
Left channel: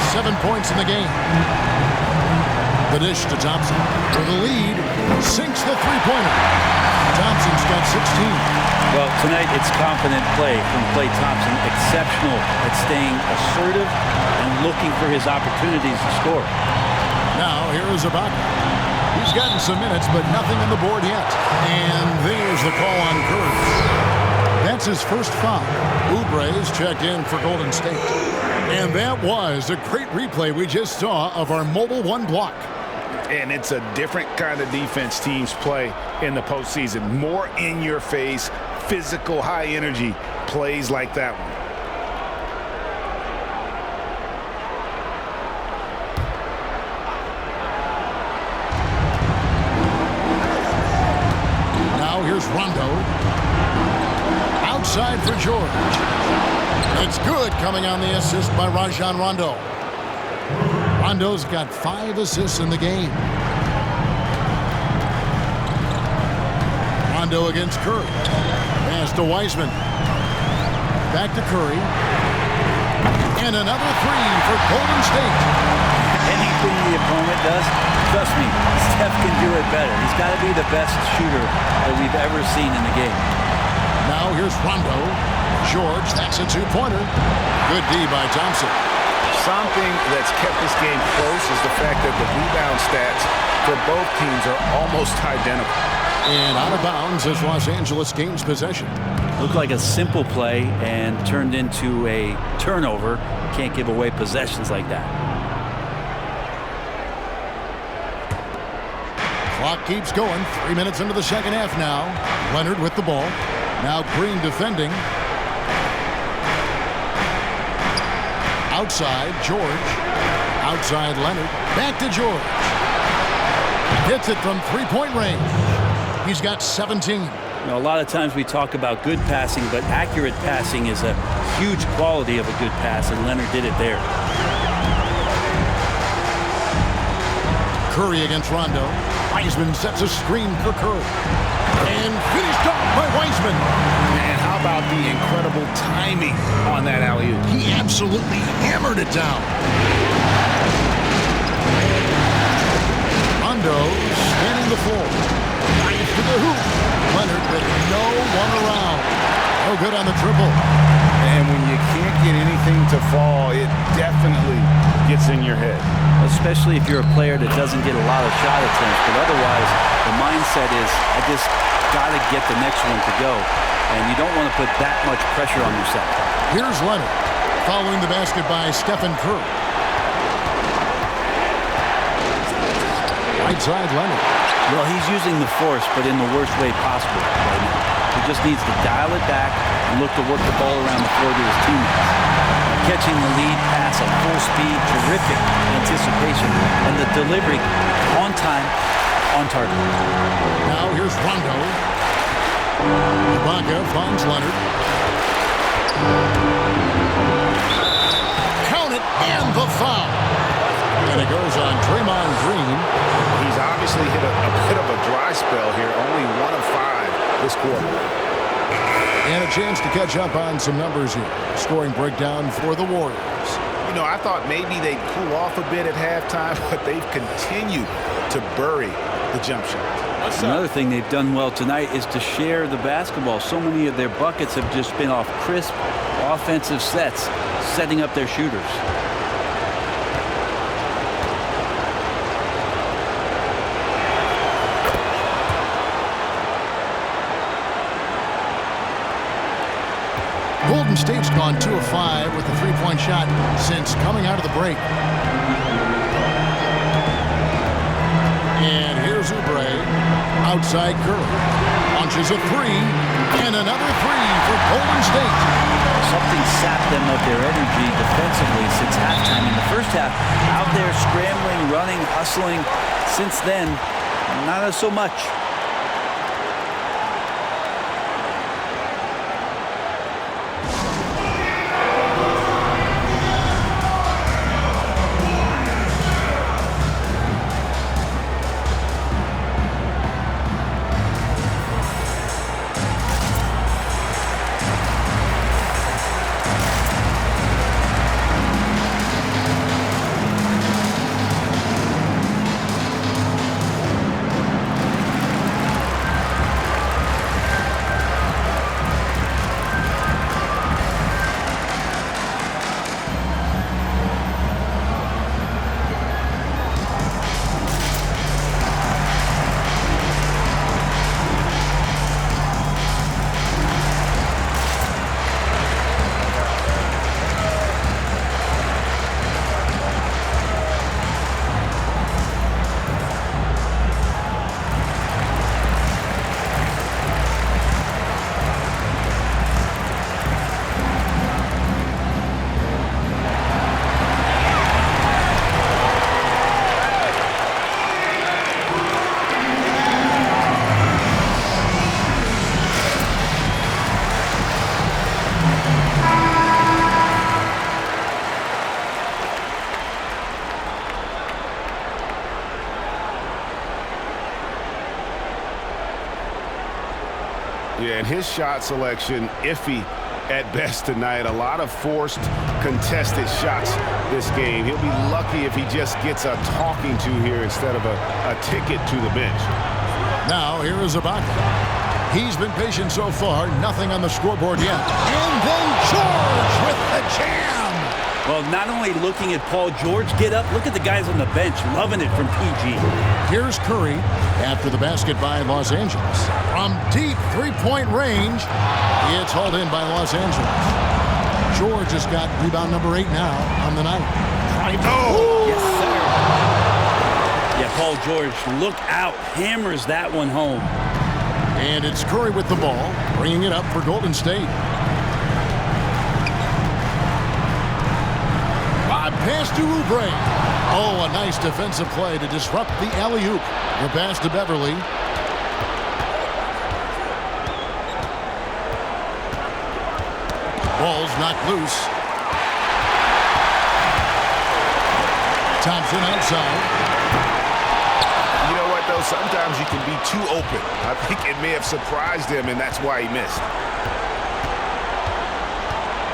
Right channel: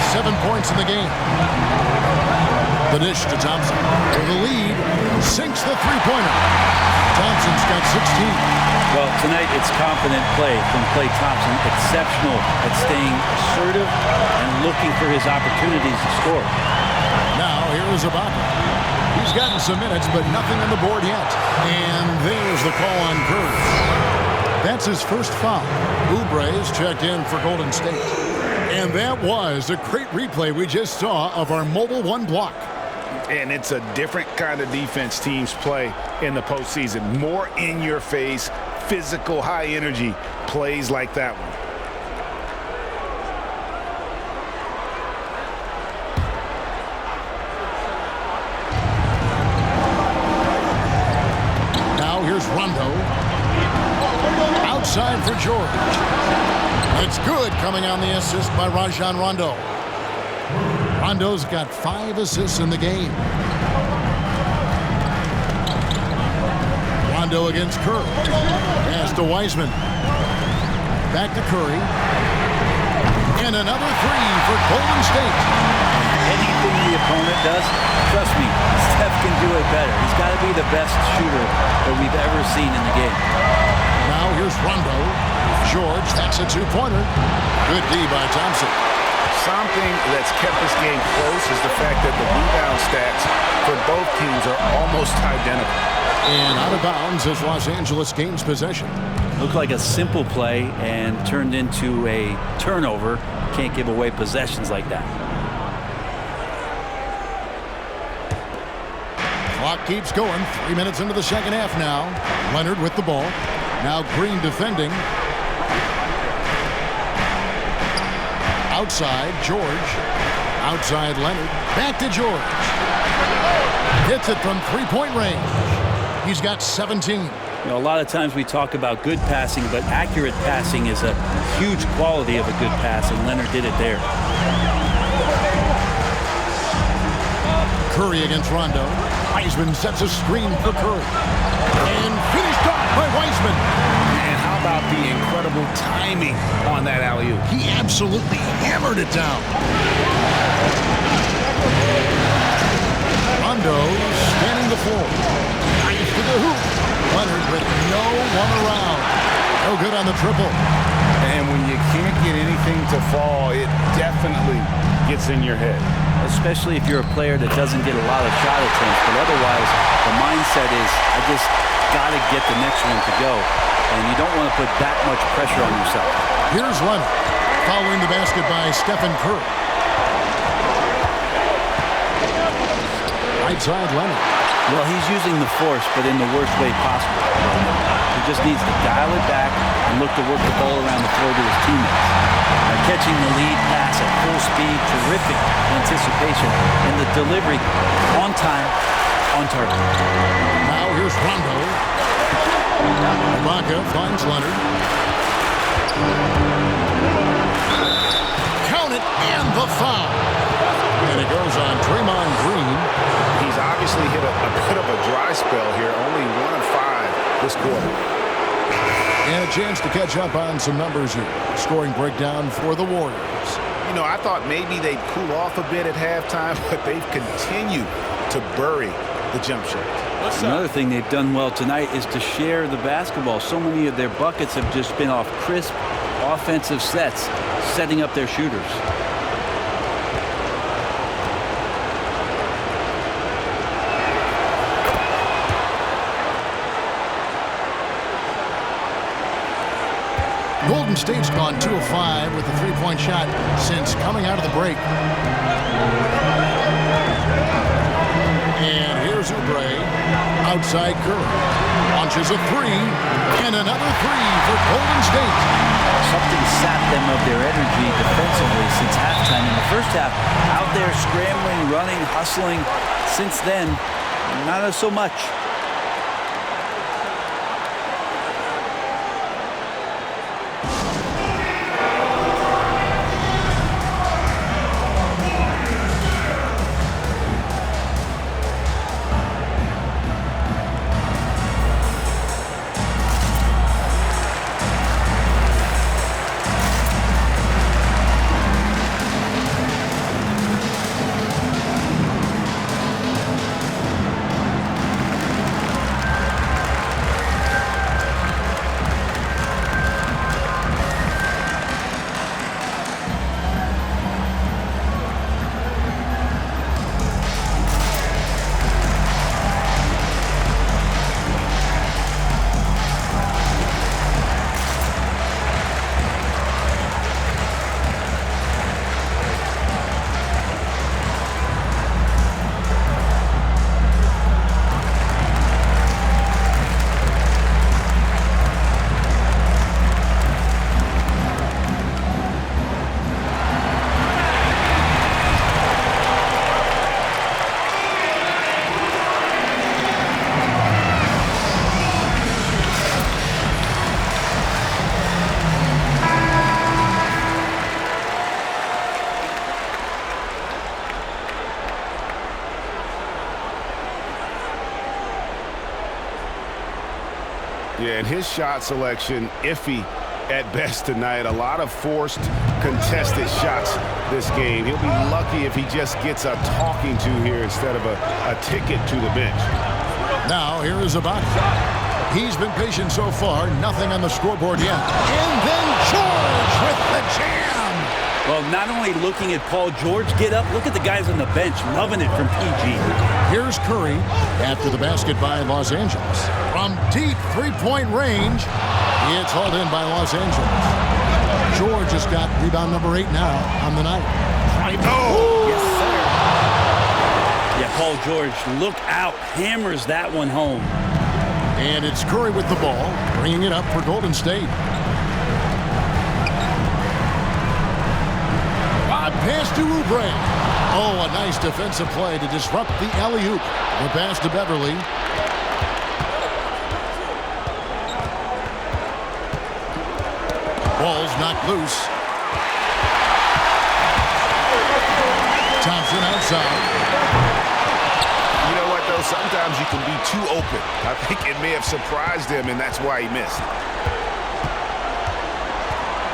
7 points in the game. The dish to Thompson. For the lead, sinks the three-pointer. Thompson's got 16. Well, tonight it's confident play from Klay Thompson. Exceptional at staying assertive and looking for his opportunities to score. Now, here is Ibaka. He's gotten some minutes, but nothing on the board yet. And there's the call on Curry. That's his first foul. Oubre is checked in for Golden State. And that was a great replay we just saw of our Mobile One block. And it's a different kind of defense teams play in the postseason. More in your face, physical, high energy plays like that one. Now here's Rondo. Outside for George. It's good, coming on the assist by Rajon Rondo. Rondo's got 5 assists in the game. Rondo against Curry. Pass to Wiseman. Back to Curry. And another 3 for Golden State. Anything the opponent does, trust me, Steph can do it better. He's got to be the best shooter that we've ever seen in the game. Now here's Rondo. George, that's a 2-pointer. Good D by Thompson. Something that's kept this game close is the fact that the rebound stats for both teams are almost identical. And out of bounds as Los Angeles gains possession. Looked like a simple play and turned into a turnover. Can't give away possessions like that. Clock keeps going. 3 minutes into the second half now. Leonard with the ball. Now Green defending. Outside, George. Outside, Leonard. Back to George. Hits it from three-point range. He's got 17. You know, a lot of times we talk about good passing, but accurate passing is a huge quality of a good pass, and Leonard did it there. Curry against Rondo. Wiseman sets a screen for Curry. And finished off by Wiseman. And how about the incredible timing on that alley-oop? He absolutely hammered it down. Rondo scanning the floor. Nice to the hoop. Leonard with no one around. No good on the triple. And when you can't get anything to fall, it definitely gets in your head. Especially if you're a player that doesn't get a lot of shot attempts, but otherwise the mindset is, I just got to get the next one to go. And you don't want to put that much pressure on yourself. Here's Leonard, following the basket by Stephen Curry. Right side, Leonard. Well, he's using the force, but in the worst way possible right now. He just needs to dial it back and look to work the ball around the floor to his teammates. Catching the lead pass at full speed, terrific anticipation, and the delivery on time, on target. Now here's Rondo. Ibaka finds Leonard. Count it, and the foul. And it goes on Draymond Green. He's obviously hit a bit of a dry spell here, only 1 of 5 this quarter. And a chance to catch up on some numbers here. Scoring breakdown for the Warriors. You know, I thought maybe they'd cool off a bit at halftime, but they've continued to bury the jump shots. Another thing they've done well tonight is to share the basketball. So many of their buckets have just been off crisp offensive sets, setting up their shooters. Golden State's gone 2 of 5 with a three-point shot since coming out of the break. And here's Oubre, outside Curry. Launches a three, and another three for Golden State. Something sapped them of their energy defensively since halftime. In the first half, out there scrambling, running, hustling. Since then, not so much. Yeah, and his shot selection, iffy at best tonight. A lot of forced, contested shots this game. He'll be lucky if he just gets a talking to here instead of a ticket to the bench. Now, here is Ibaka. He's been patient so far, nothing on the scoreboard yet. And then George with the jam. Well, not only looking at Paul George get up, look at the guys on the bench, loving it from PG. Here's Curry after the basket by Los Angeles. From deep three-point range, it's hauled in by Los Angeles. George has got rebound number 8 now on the night. Oh! Yes, sir. Yeah, Paul George, look out, hammers that one home. And it's Curry with the ball, bringing it up for Golden State. Rod pass to Oubre. Oh, a nice defensive play to disrupt the alley-oop. The pass to Beverly. Ball's knocked loose. Thompson outside. You know what, though? Sometimes you can be too open. I think it may have surprised him, and that's why he missed.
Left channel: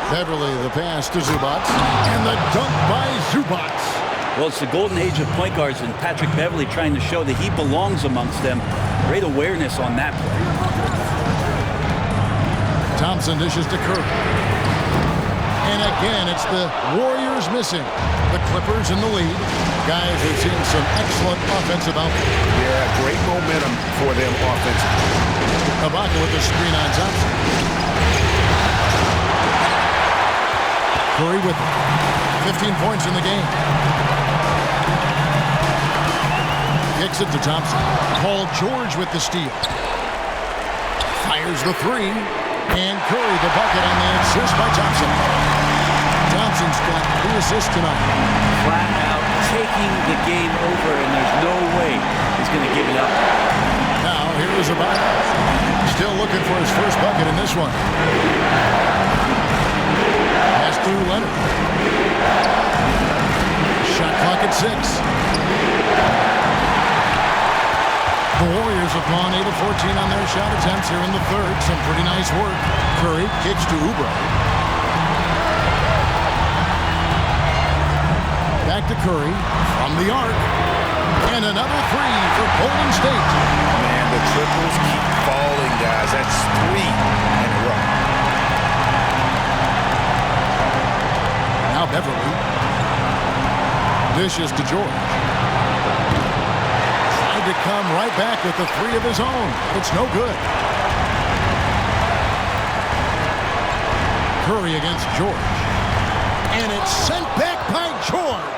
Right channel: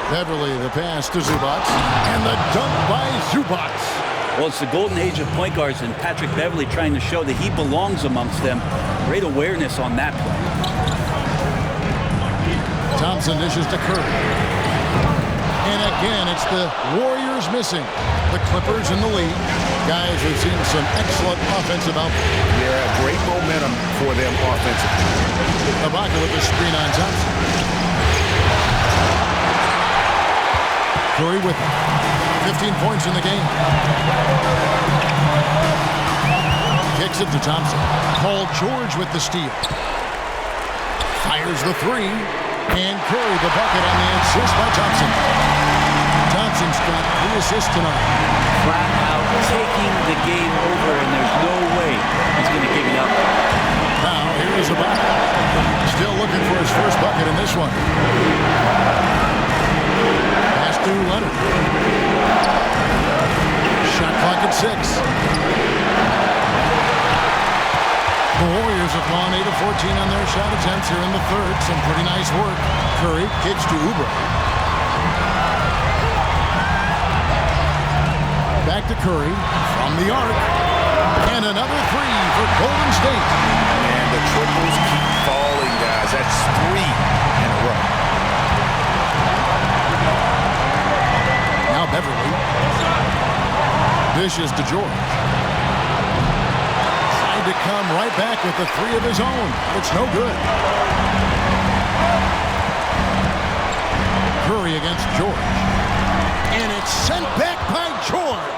Beverly, the pass to Zubac. And the dunk by Zubac. Well, it's the golden age of point guards, and Patrick Beverly trying to show that he belongs amongst them. Great awareness on that play. Thompson dishes to Curry. And again, it's the Warriors missing. The Clippers in the lead. Guys have seen some excellent offensive output. Yeah, great momentum for them offensively. Ibaka with the screen on Thompson. Curry with it. 15 points in the game. Kicks it to Thompson. Paul George with the steal. Fires the three. And Curry the bucket on the assist by Thompson. Thompson's got 3 assists tonight. Flat out taking the game over, and there's no way he's going to give it up. Now, here is Ibaka. Still looking for his first bucket in this one. Pass to Leonard. Shot clock at 6. The Warriors have gone 8 of 14 on their shot attempts here in the third. Some pretty nice work. Curry kicks to Oubre. Back to Curry from the arc. And another 3 for Golden State. Man, the triples keep falling, guys. That's 3 in a row. Now Beverly. Dishes to George. Tried to come right back with the 3 of his own, but it's no good. Curry against George. And it's sent back by George.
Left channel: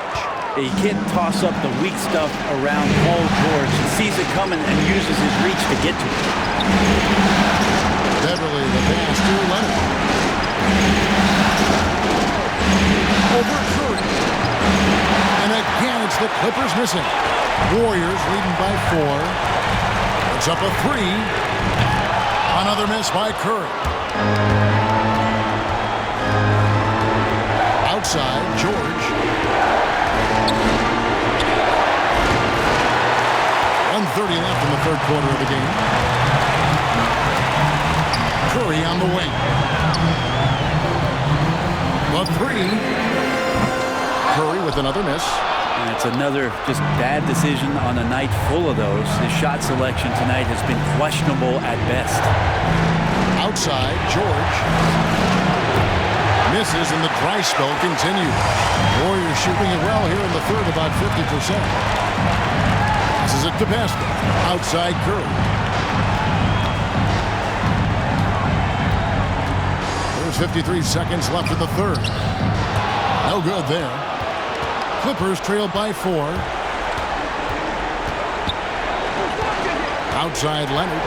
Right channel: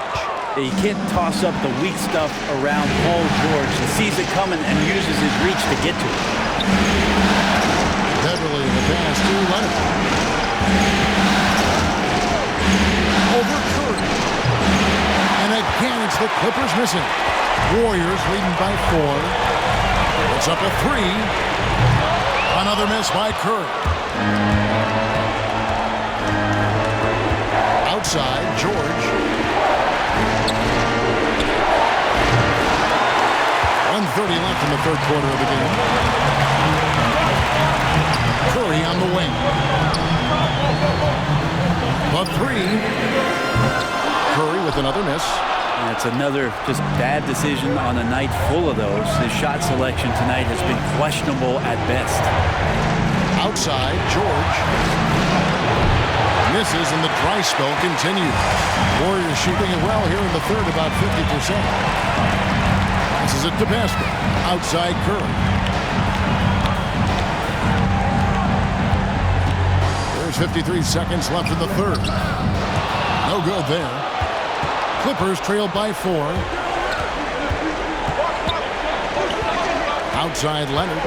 You can't toss up the weak stuff around Paul George. He sees it coming and uses his reach to get to it. Beverly the pass to Leonard. Over Curry. And again, it's the Clippers missing. Warriors leading by 4. It's up a 3. Another miss by Curry. Outside, George. 1:30 left in the third quarter of the game. Curry on the wing. The 3. Curry with another miss. And it's another just bad decision on a night full of those. His shot selection tonight has been questionable at best. Outside, George. Misses and the dry spell continues. Warriors shooting it well here in the third, about 50%. Passes it to Pascal. Outside Curry. There's 53 seconds left in the third. No good there. Clippers trailed by 4. Outside Leonard.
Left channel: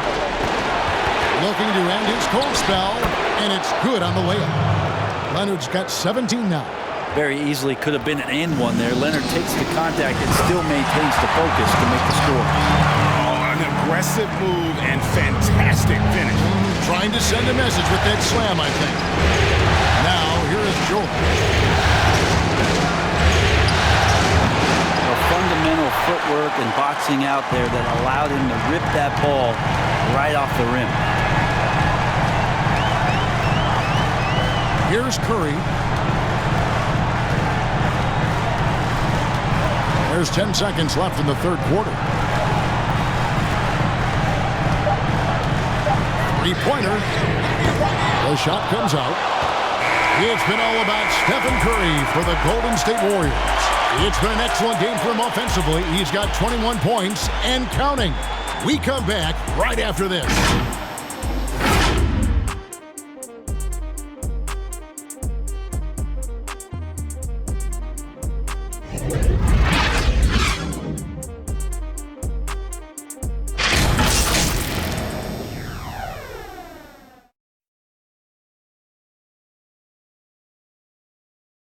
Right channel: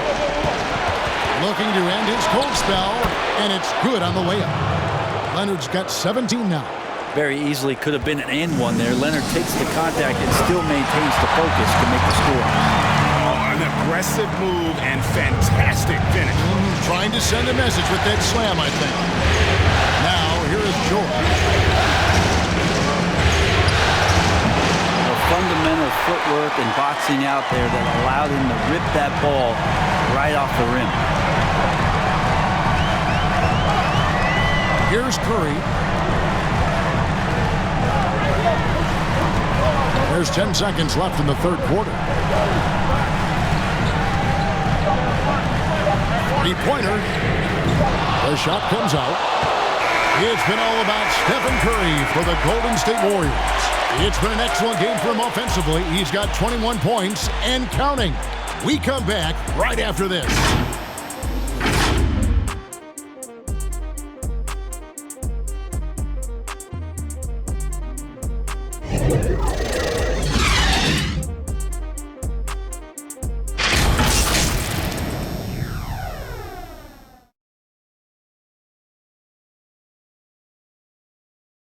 Looking to end his cold spell, and it's good on the layup. Leonard's got 17 now. Very easily could have been an and one there. Leonard takes the contact and still maintains the focus to make the score. Oh, an aggressive move and fantastic finish. Trying to send a message with that slam, I think. Now, here is George. The fundamental footwork and boxing out there that allowed him to rip that ball right off the rim. Here's Curry. There's 10 seconds left in the third quarter. 3-pointer. The shot comes out. It's been all about Stephen Curry for the Golden State Warriors. It's been an excellent game for him offensively. He's got 21 points and counting. We come back right after this.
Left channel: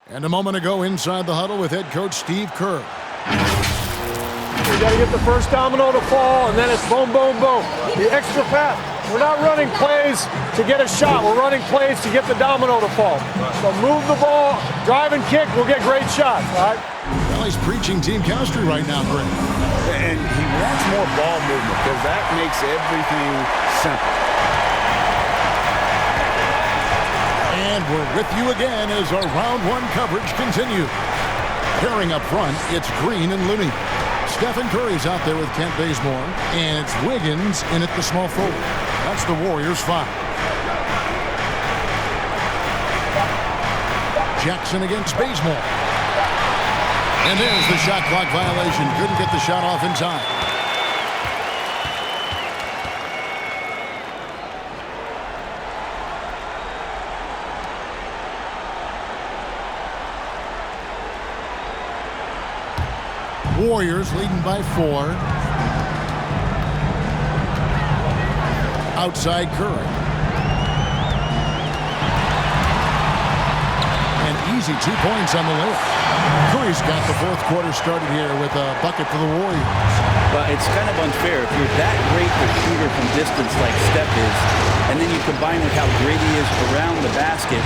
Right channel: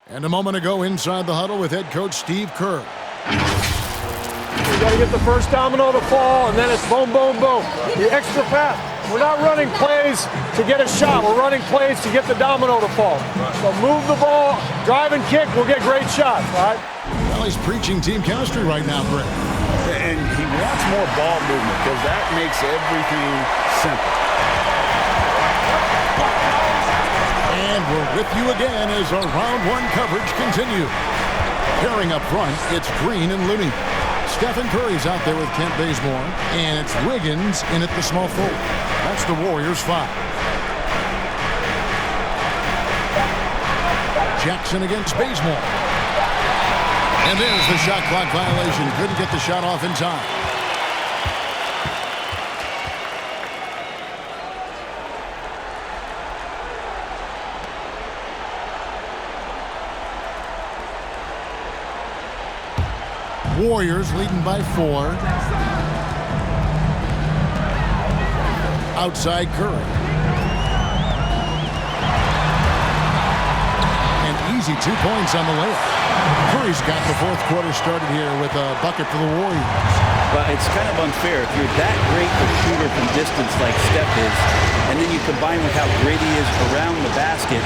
And a moment ago, inside the huddle with head coach Steve Kerr. We got to get the first domino to fall, and then it's boom, boom, boom. The extra pass. We're not running plays to get a shot. We're running plays to get the domino to fall. So move the ball, drive and kick, we'll get great shots, all right? Well, he's preaching team chemistry right now, Greg. And he wants more ball movement because that makes everything simple. And we're with you again as our round one coverage continues. Pairing up front, it's Green and Looney. Stephen Curry's out there with Kent Bazemore, and it's Wiggins in at the small forward. That's the Warriors' 5. Jackson against Bazemore. And there's the shot clock violation. Couldn't get the shot off in time. Warriors leading by 4. Outside Curry. An easy 2 points on the layup. Curry's got the fourth quarter started here with a bucket for the Warriors. Well, it's kind of unfair. If you're that great a shooter from distance like Steph is, and then you combine with how great he is around the basket,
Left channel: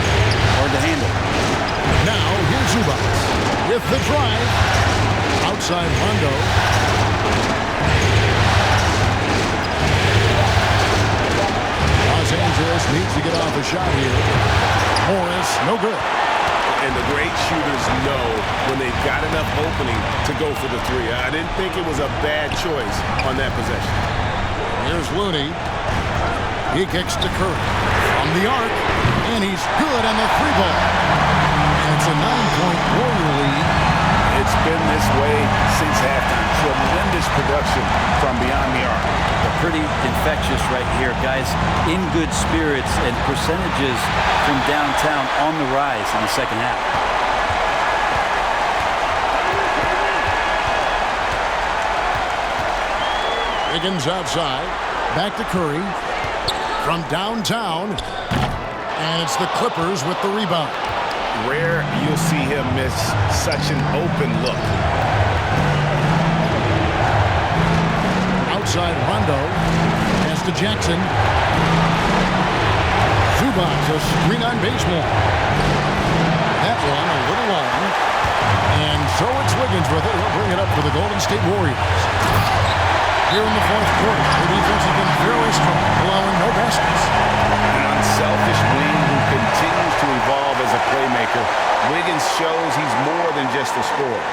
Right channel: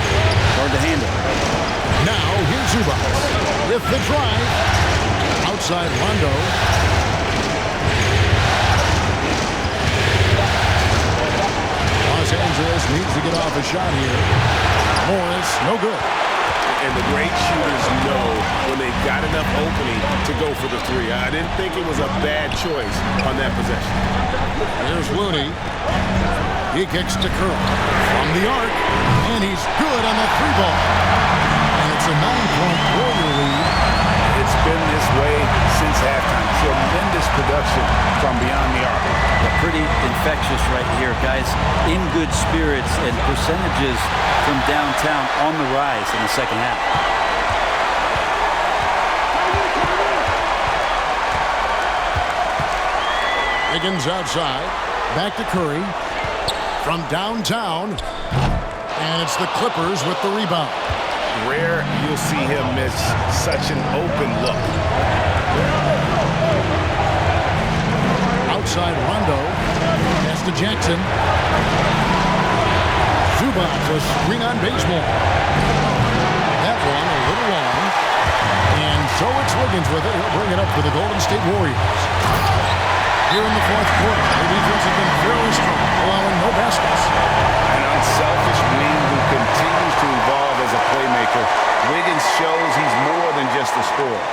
hard to handle. Now, here's Zubac with the drive. Outside Rondo. Los Angeles needs to get off a shot here. Morris, no good. And the great shooters know when they've got enough opening to go for the three. I didn't think it was a bad choice on that possession. Here's Looney. He kicks to Curry from the arc, and he's good on the 3-ball. And it's a 9-point Warrior lead. It's been this way since halftime. Tremendous production from beyond the arc. They're pretty infectious right here. Guys in good spirits and percentages from downtown on the rise in the second half. Wiggins outside. Back to Curry. From downtown. And it's the Clippers with the rebound. Rare you'll see him miss such an open look. Outside Rondo. Pass to Jackson. Zubac, a screen on Bazemore. That one a little long. And so it's Wiggins with it. He'll bring it up for the Golden State Warriors. Here in the fourth quarter, their defense has been very strong, allowing no baskets. An unselfish wing who continues to evolve as a playmaker. Wiggins shows he's more than just a scorer.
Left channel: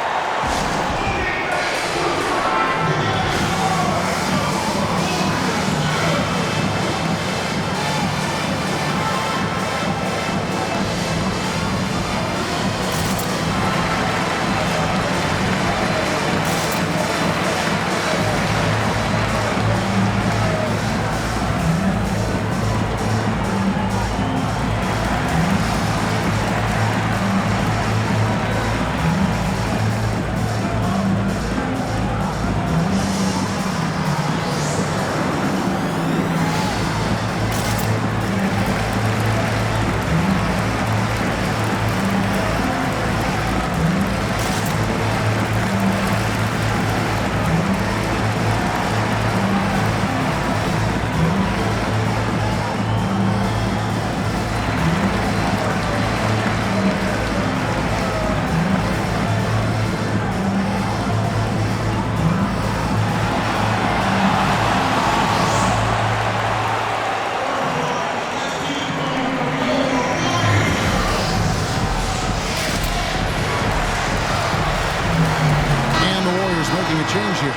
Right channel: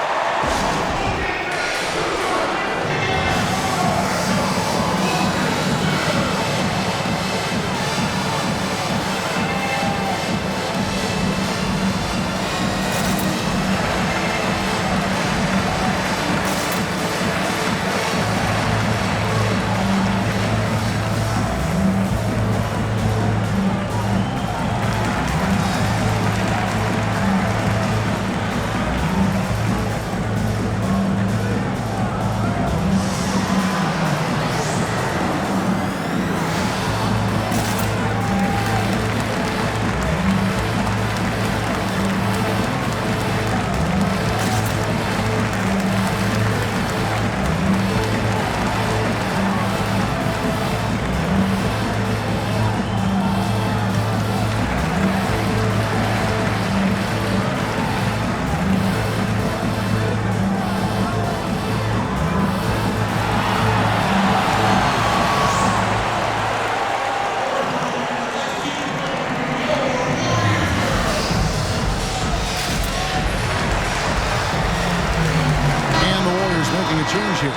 Making a change here.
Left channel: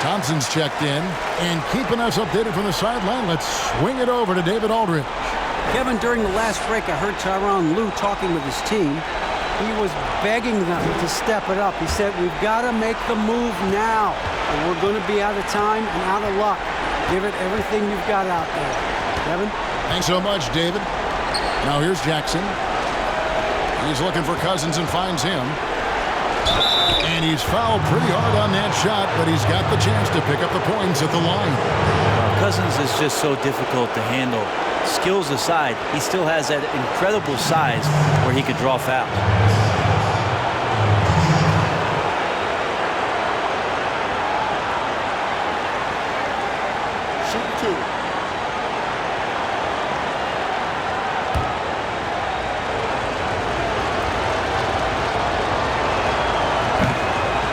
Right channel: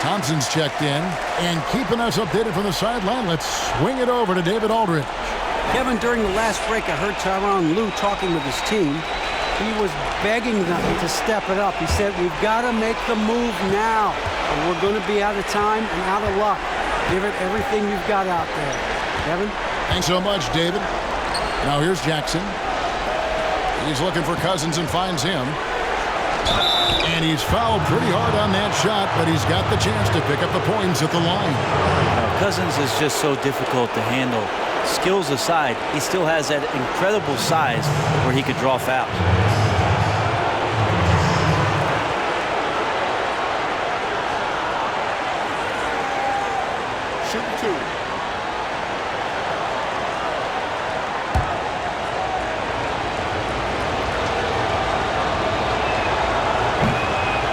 Thompson's checked in and keeping us updated from the sideline. Let's swing it over to David Aldridge. Kevin, during the last break, I heard Tyronn Lue talking with his team. He was begging them to step it up. He said, we've got to make the move now, or we're going to be out of time and out of luck. Give it everything you've got out there. Kevin? Thanks so much, David. Now here's Jackson. He's looking for Cousins and finds him. And he's fouled pretty hard on that shot, but he's got the chance to pick up the points at the line. Cousins is just so difficult to handle. Skills aside, he still has that incredible size where he could draw fouls. Shooting 2.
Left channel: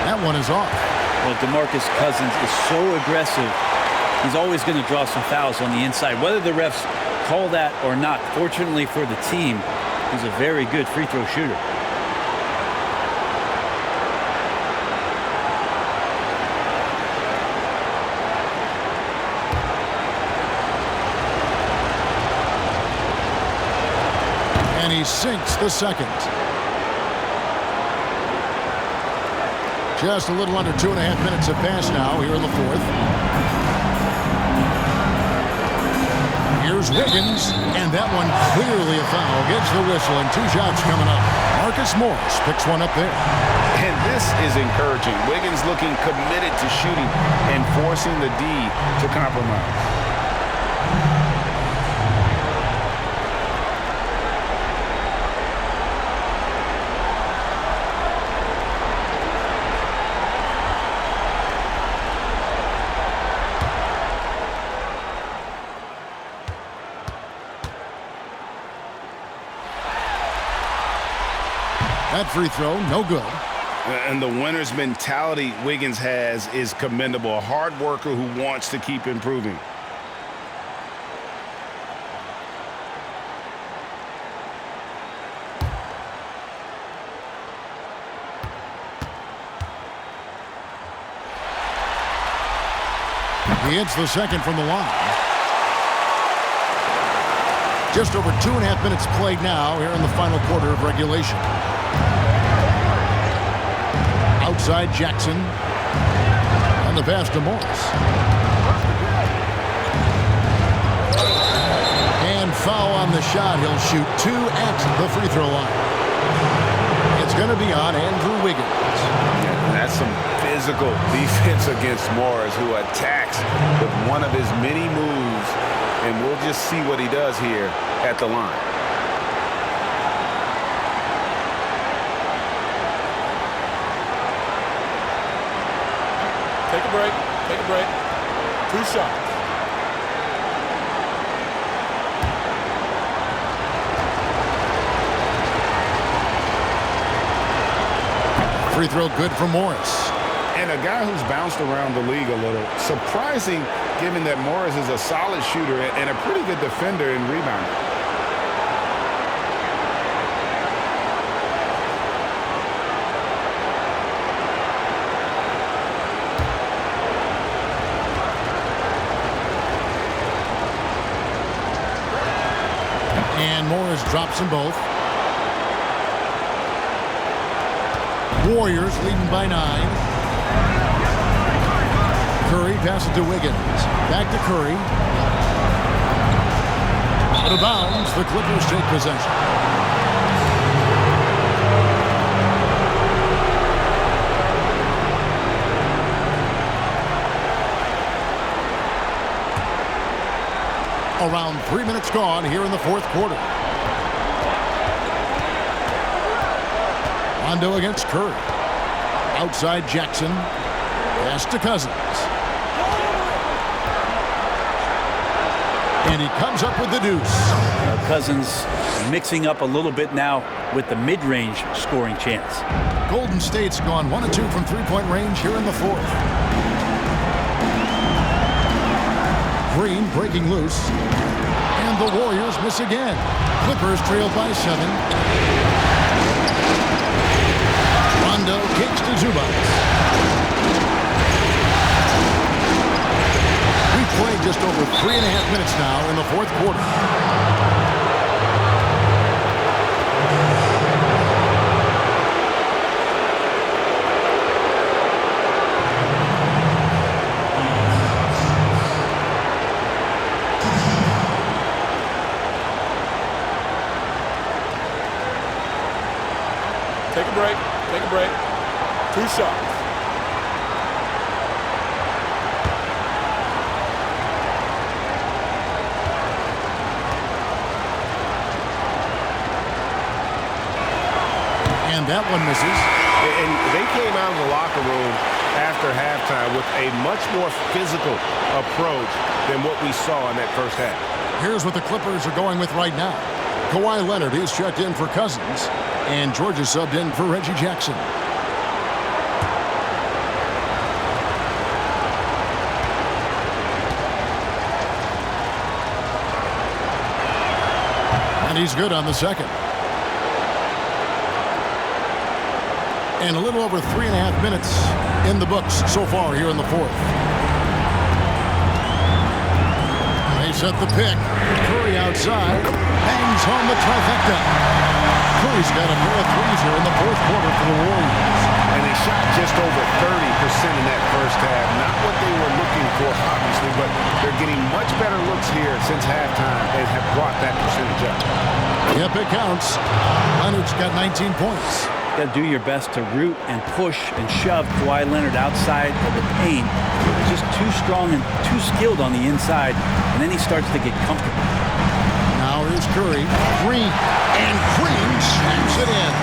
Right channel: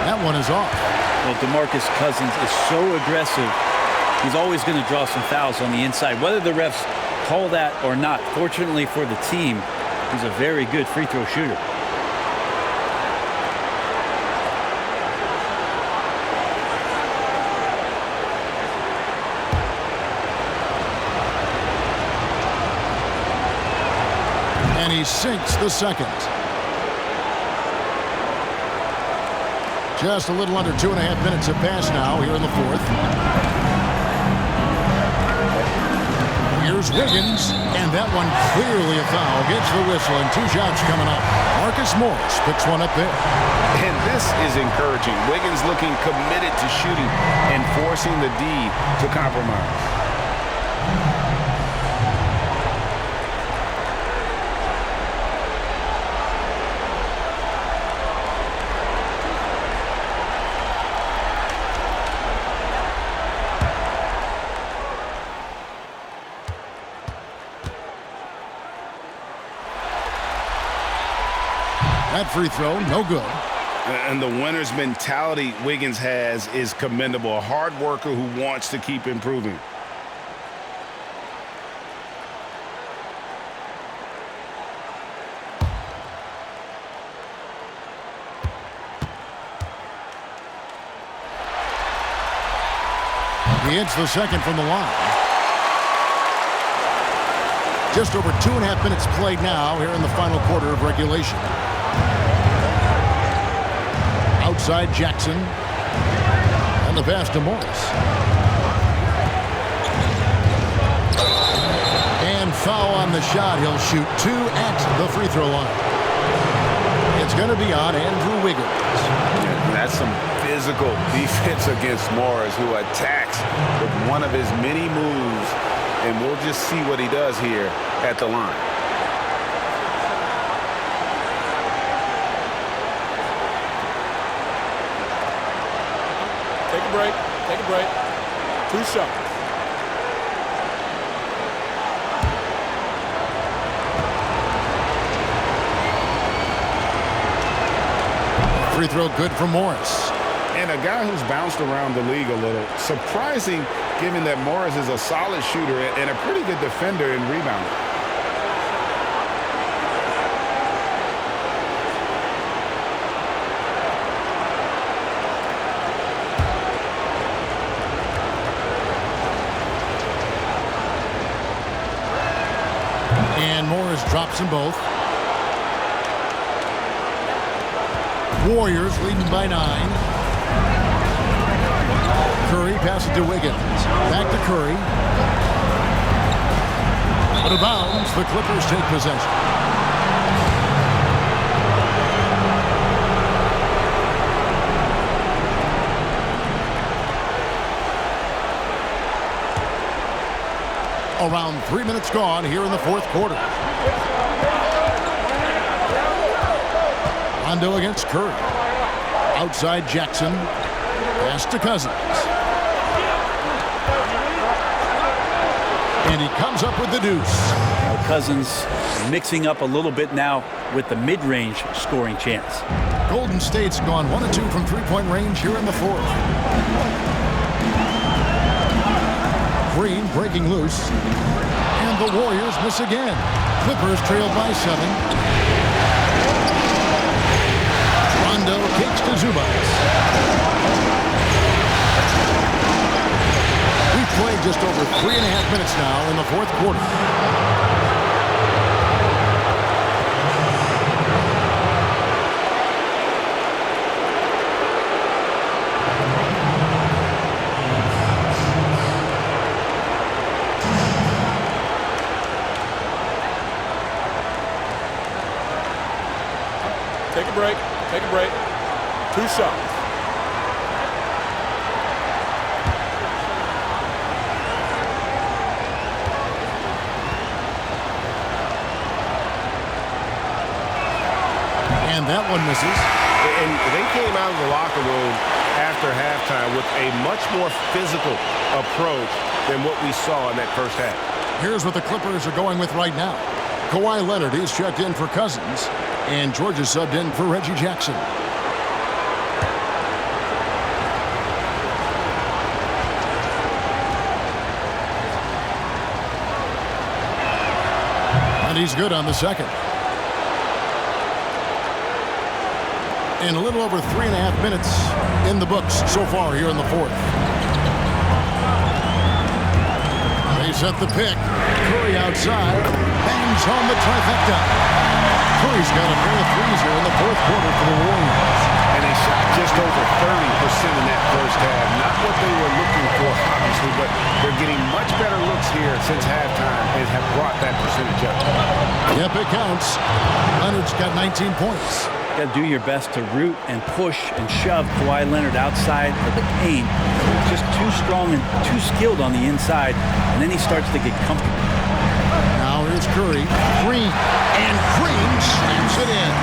That one is off. Well, DeMarcus Cousins is so aggressive. He's always going to draw some fouls on the inside, whether the refs call that or not. Fortunately for the team, he's a very good free throw shooter. And he sinks the second. Just a little under 2.5 minutes have passed now here in the fourth. Here's Wiggins, and that one clearly a foul. Gets the whistle, and 2 shots coming up. Marcus Morris picks one up there. And this is encouraging. Wiggins looking committed to shooting and forcing the D to compromise. That free throw, no good. And the winner's mentality Wiggins has is commendable. A hard worker who wants to keep improving. He hits the second from the line. Just over 2.5 minutes played now here in the final quarter of regulation. Outside Jackson. And the pass to Morris. And foul on the shot. He'll shoot 2 at the free throw line. It's going to be on Andrew Wiggins. Yeah, that's some physical defense against Morris, who attacks with one of his many moves. And we'll just see what he does here at the line. Take a break. Take a break. 2 shots. Free throw good for Morris. And a guy who's bounced around the league a little. Surprising, given that Morris is a solid shooter and a pretty good defender and rebounder. And Morris drops them both. Warriors leading by 9. Curry passes to Wiggins. Back to Curry. Out of bounds, the Clippers take possession. Around 3 minutes gone here in the fourth quarter. Rondo against Curry. Outside Jackson. Pass to Cousins. And he comes up with the deuce. Cousins mixing up a little bit now with the mid-range scoring chance. Golden State's gone 1 of 2 from three-point range here in the fourth. Green breaking loose. And the Warriors miss again. Clippers trail by 7. Rondo kicks to Zubac. We've played just over 3.5 minutes now in the fourth quarter. Take a break. Take a break. 2 shots. And that one misses. And they came out of the locker room after halftime with a much more physical approach than what we saw in that first half. Here's what the Clippers are going with right now. Kawhi Leonard is checked in for Cousins, and George is subbed in for Reggie Jackson. And he's good on the second. And a little over 3.5 minutes in the books so far here in the fourth. They set the pick. Curry outside. Bangs home the trifecta. Curry's got a pair of threes here in the fourth quarter for the Warriors. and they shot just over 30% in that first half. Not what they were looking for, obviously, but they're getting much better looks here since halftime and have brought that percentage up. Yep, it counts. Leonard's got 19 points. You got to do your best to root and push and shove Kawhi Leonard outside of the paint. Just too strong and too skilled on the inside, and then he starts to get comfortable. Now here's Curry. Green. And Green slams it in.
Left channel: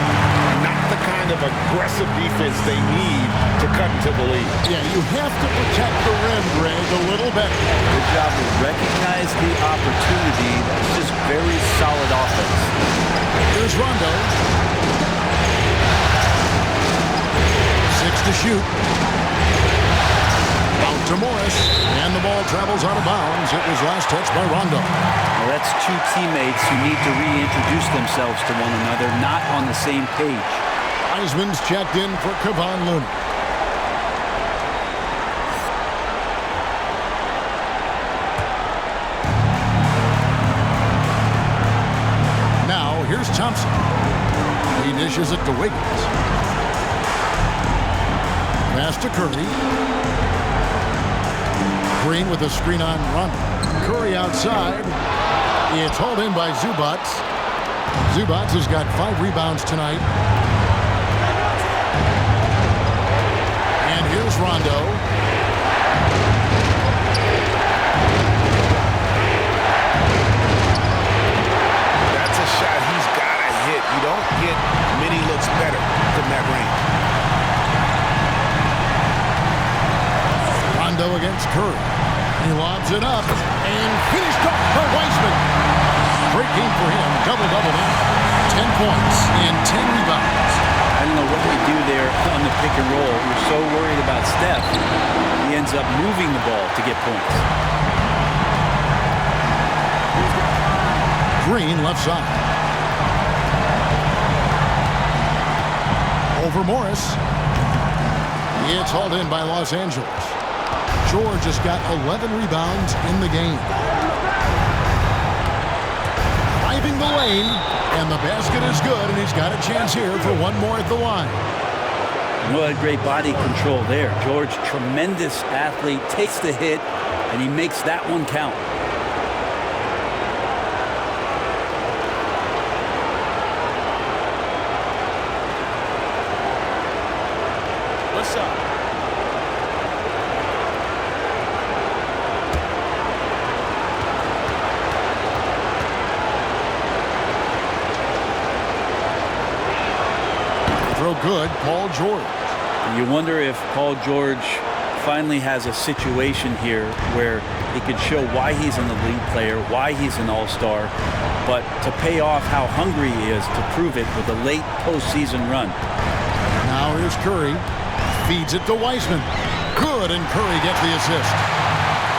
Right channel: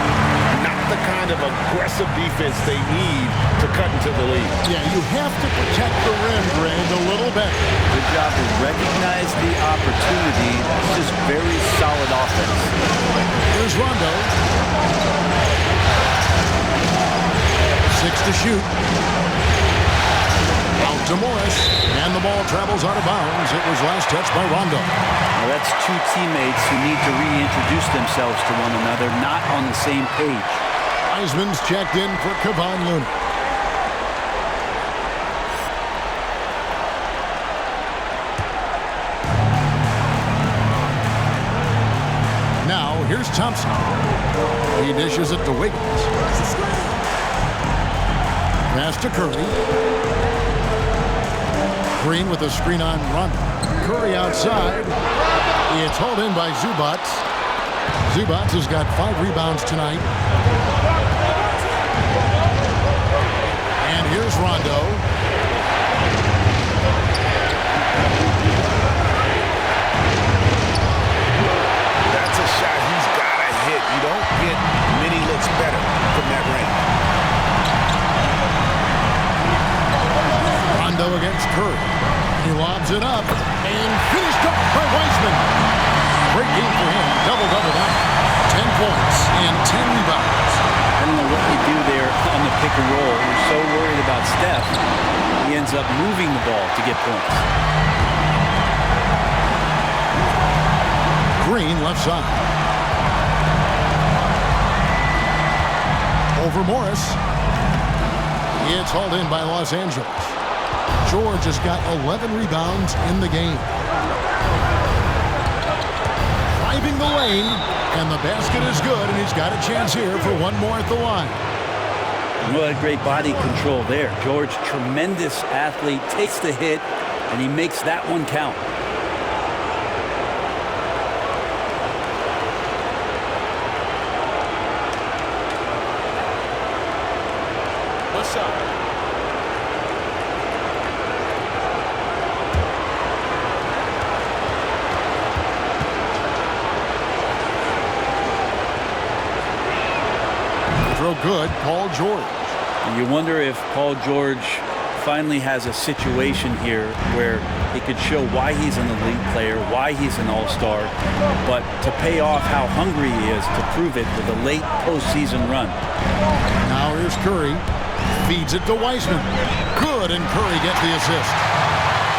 Not the kind of aggressive defense they need to cut into the lead. Yeah, you have to protect the rim, Greg, a little better. Good job to recognize the opportunity. That's just very solid offense. Here's Rondo. 6 to shoot. Out to Morris. And the ball travels out of bounds. It was last touched by Rondo. Well, that's two teammates who need to reintroduce themselves to one another, not on the same page. Wiseman's checked in for Kevon Looney. Now, here's Thompson. He dishes it to Wiggins. Pass to Curry. Green with a screen on Rondo. Curry outside. It's hauled in by Zubac. Zubac has got 5 rebounds tonight. And here's Rondo. That's a shot he's got to hit. You don't get many looks better from that range. Rondo against Curry. He lobs it up and finished off by Wiseman. Great game for him. Double-double now. 10 points and 10 rebounds. I don't know what you do there on the pick and roll. You're so worried about Steph. He ends up moving the ball to get points. Green left side. Over Morris. It's hauled in by Los Angeles. George has got 11 rebounds in the game. Driving the lane, and the basket is good, and he's got a chance here for one more at the line. Well, great body control there. George, tremendous athlete, takes the hit, and he makes that one count. One shot. Throw good, Paul George. And you wonder if Paul George finally has a situation here where he could show why he's an elite player, why he's an all-star, but to pay off how hungry he is to prove it with a late postseason run. Now here's Curry. Feeds it to Wiseman. Good, and Curry gets the assist.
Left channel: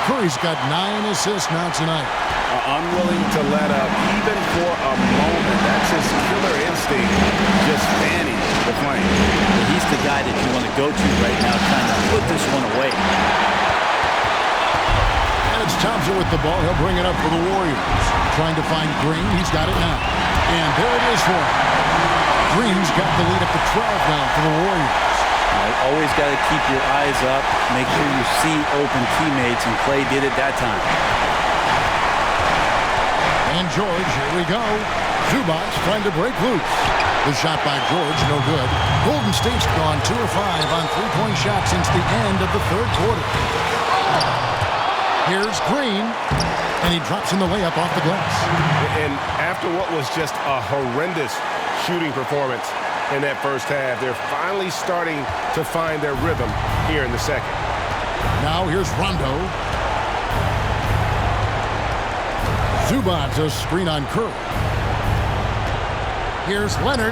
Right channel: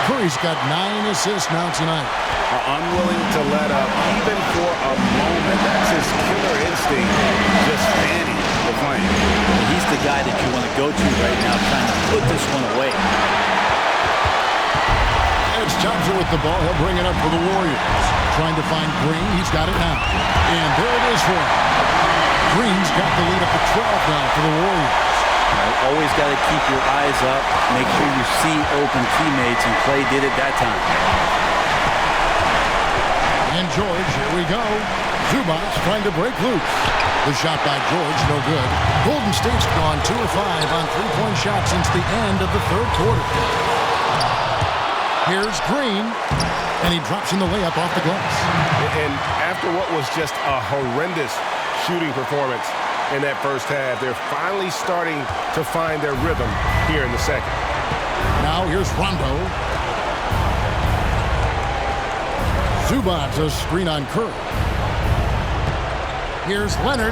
Curry's got 9 assists now tonight. Unwilling to let up, even for a moment. That's his killer instinct, just fanning the flame. He's the guy that you want to go to right now, trying to put this one away. And it's Thompson with the ball. He'll bring it up for the Warriors. Trying to find Green. He's got it now. And there it is for him. Green's got the lead up to 12 now for the Warriors. Always got to keep your eyes up. Make sure you see open teammates, and Clay did it that time. And George, here we go. Zubac trying to break loose. The shot by George, no good. Golden State's gone 2 of 5 on three-point shots since the end of the third quarter. Here's Green, and he drops in the layup off the glass. And after what was just a horrendous shooting performance in that first half, they're finally starting to find their rhythm here in the second. Now here's Rondo. Zubac, a screen on Curry. Here's Leonard.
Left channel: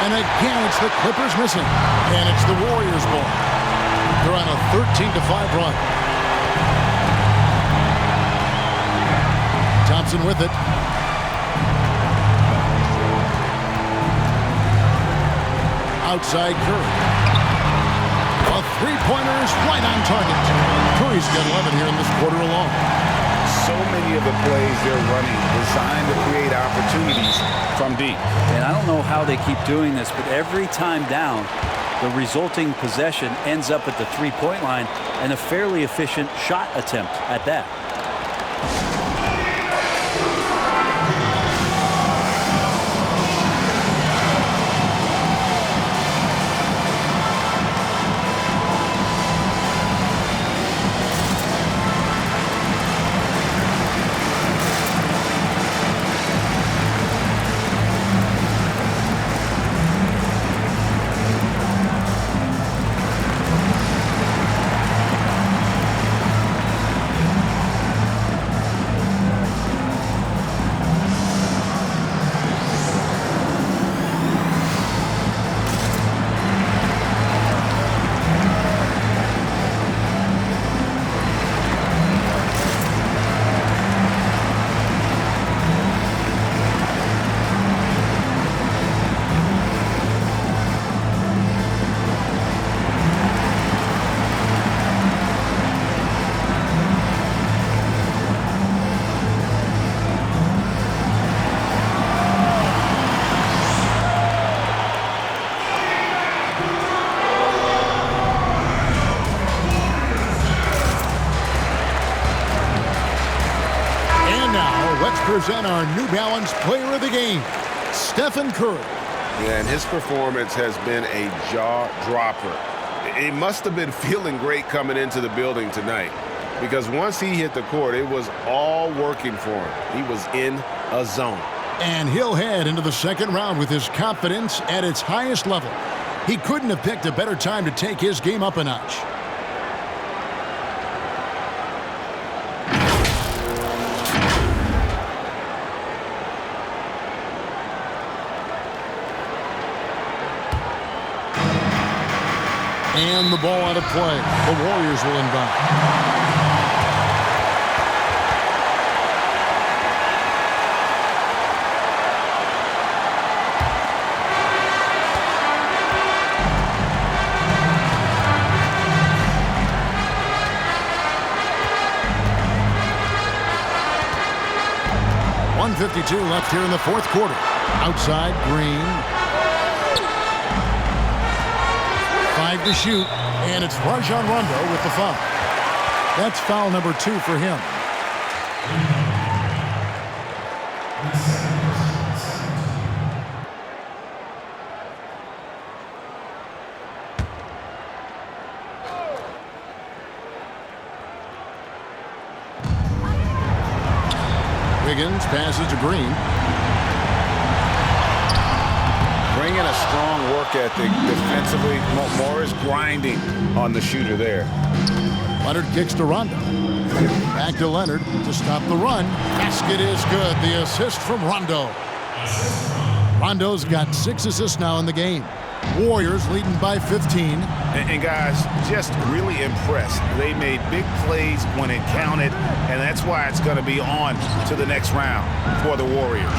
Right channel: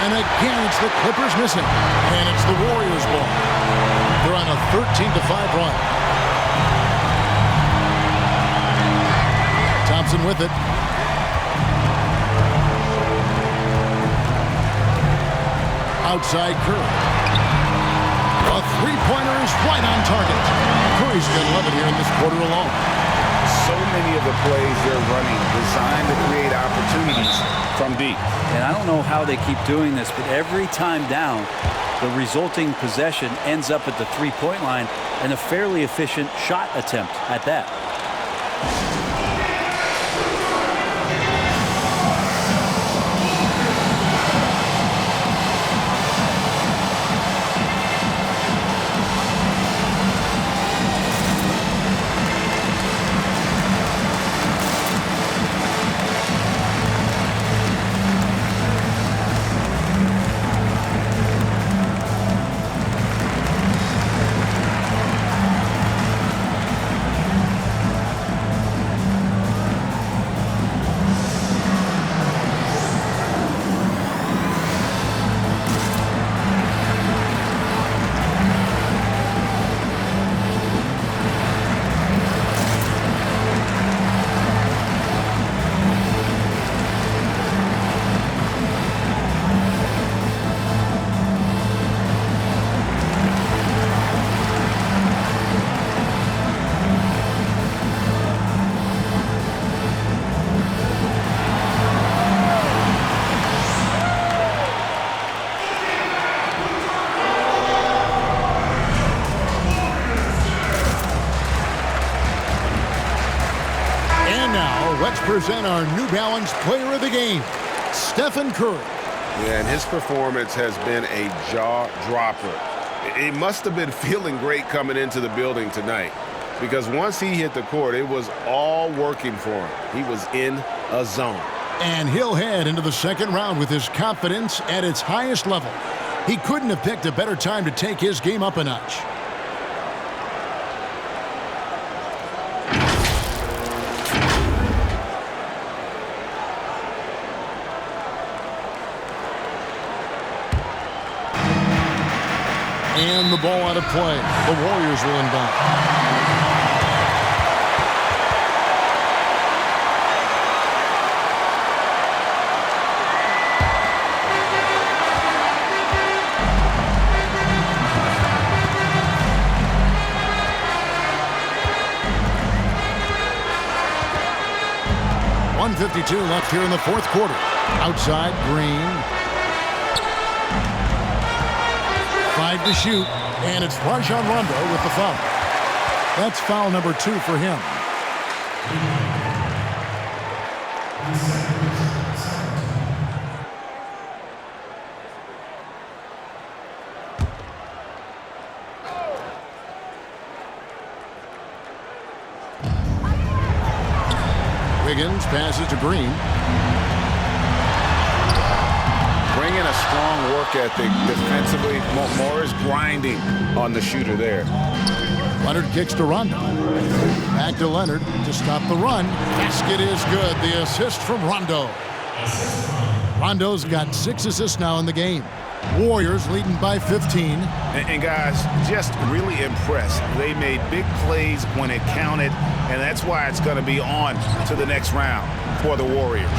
And again, it's the Clippers missing. And it's the Warriors ball. They're on a 13-5 run. Thompson with it. Outside Curry. A three-pointer is right on target. Curry's got 11 here in this quarter alone. so many of the plays they're running designed to create opportunities from deep. And I don't know how they keep doing this, but every time down, the resulting possession ends up at the three-point line and a fairly efficient shot attempt at that. Let's present our New Balance Player of the Game, Stephen Curry. Yeah, and his performance has been a jaw-dropper. He must have been feeling great coming into the building tonight, because once he hit the court, it was all working for him. He was in a zone. And he'll head into the second round with his confidence at its highest level. He couldn't have picked a better time to take his game up a notch. And the ball out of play. The Warriors will inbound. .152 left here in the fourth quarter. Outside, Green. 5 to shoot, and it's Rajon Rondo with the foul. That's foul number 2 for him. Wiggins passes to Green. Bringing a strong work ethic defensively. Morris grinding on the shooter there. Leonard kicks to Rondo. Back to Leonard to stop the run. Basket is good. The assist from Rondo. Rondo's got 6 assists now in the game. Warriors leading by 15. And guys, just really impressed. They made big plays when it counted, and that's why it's going to be on to the next round for the Warriors.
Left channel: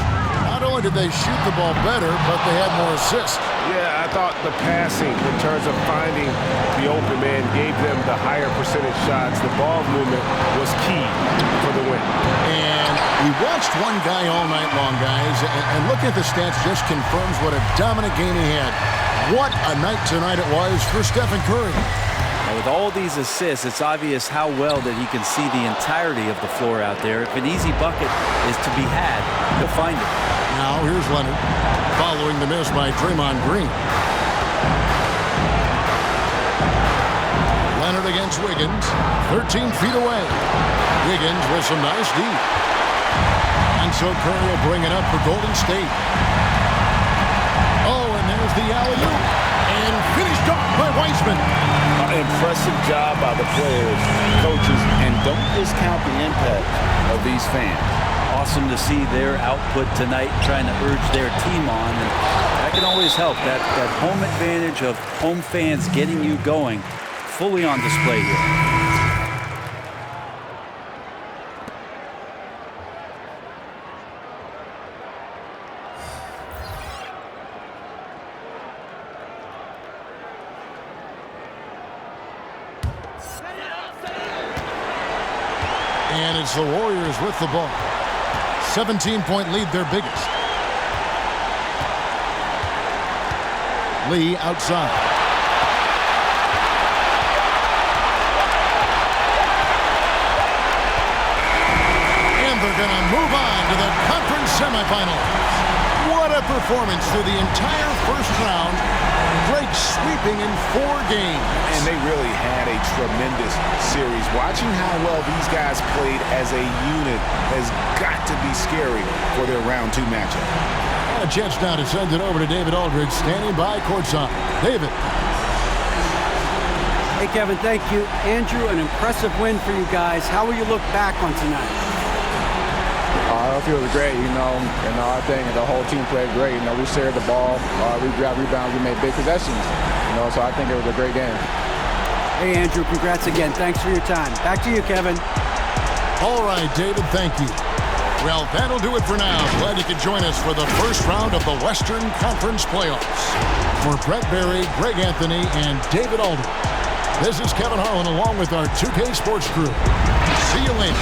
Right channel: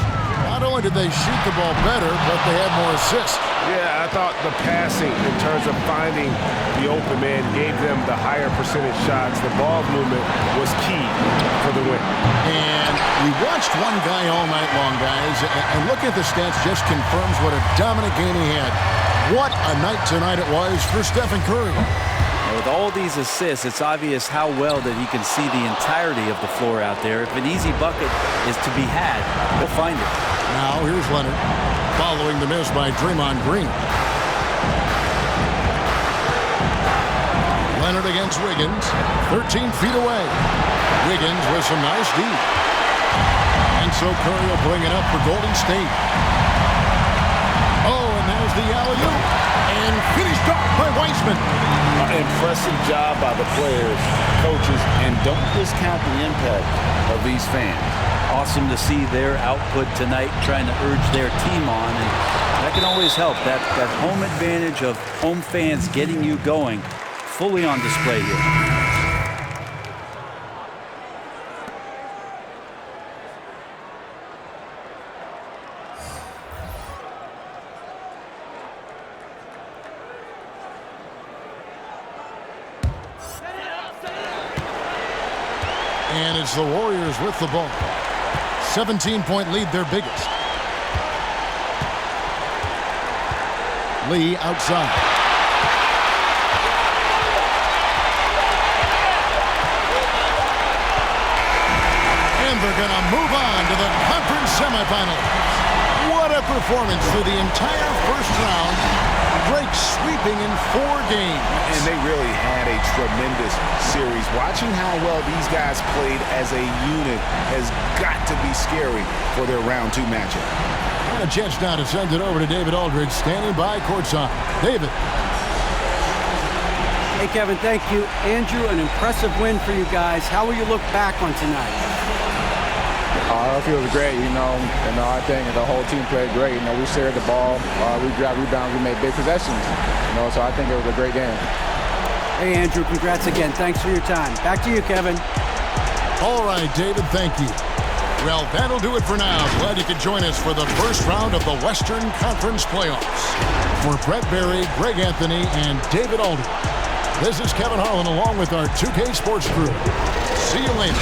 Not only did they shoot the ball better, but they had more assists. Yeah, I thought the passing in terms of finding the open man gave them the higher percentage shots. The ball movement was key for the win. And we watched one guy all night long, guys, and looking at the stats just confirms what a dominant game he had. What a night tonight it was for Stephen Curry. Now with all these assists, it's obvious how well that he can see the entirety of the floor out there. If an easy bucket is to be had, he'll find it. Now here's Leonard, following the miss by Draymond Green. Leonard against Wiggins, 13 feet away. Wiggins with some nice D. And so Curry will bring it up for Golden State. Oh, and there's the alley-oop. And finished off by Weissman. Impressive job by the players, coaches, and don't discount the impact of these fans. Awesome to see their output tonight, trying to urge their team on, and that can always help. That home advantage of home fans getting you going, fully on display here. And it's the Warriors with the ball. 17-point lead, their biggest. Lee outside. And they're going to move on to the conference semifinals. What a performance through the entire first round. Drake sweeping in 4 games. And they really had a tremendous series. Watching how well these guys played as a unit has got to be scary for their round 2 matchup. And a chance now to send it over to David Aldridge, standing by courtside. David. Hey, Kevin, thank you. Andrew, an impressive win for you guys. How will you look back on tonight? I feel it was great, I think the whole team played great. We shared the ball, we grabbed rebounds, we made big possessions, so I think it was a great game. Hey, Andrew, congrats again. Thanks for your time. Back to you, Kevin. All right, David, thank you. Well, that'll do it for now. Glad you could join us for the first round of the Western Conference Playoffs. For Brett Barry, Greg Anthony, and David Aldridge, this is Kevin Harlan along with our 2K Sports crew. See you later.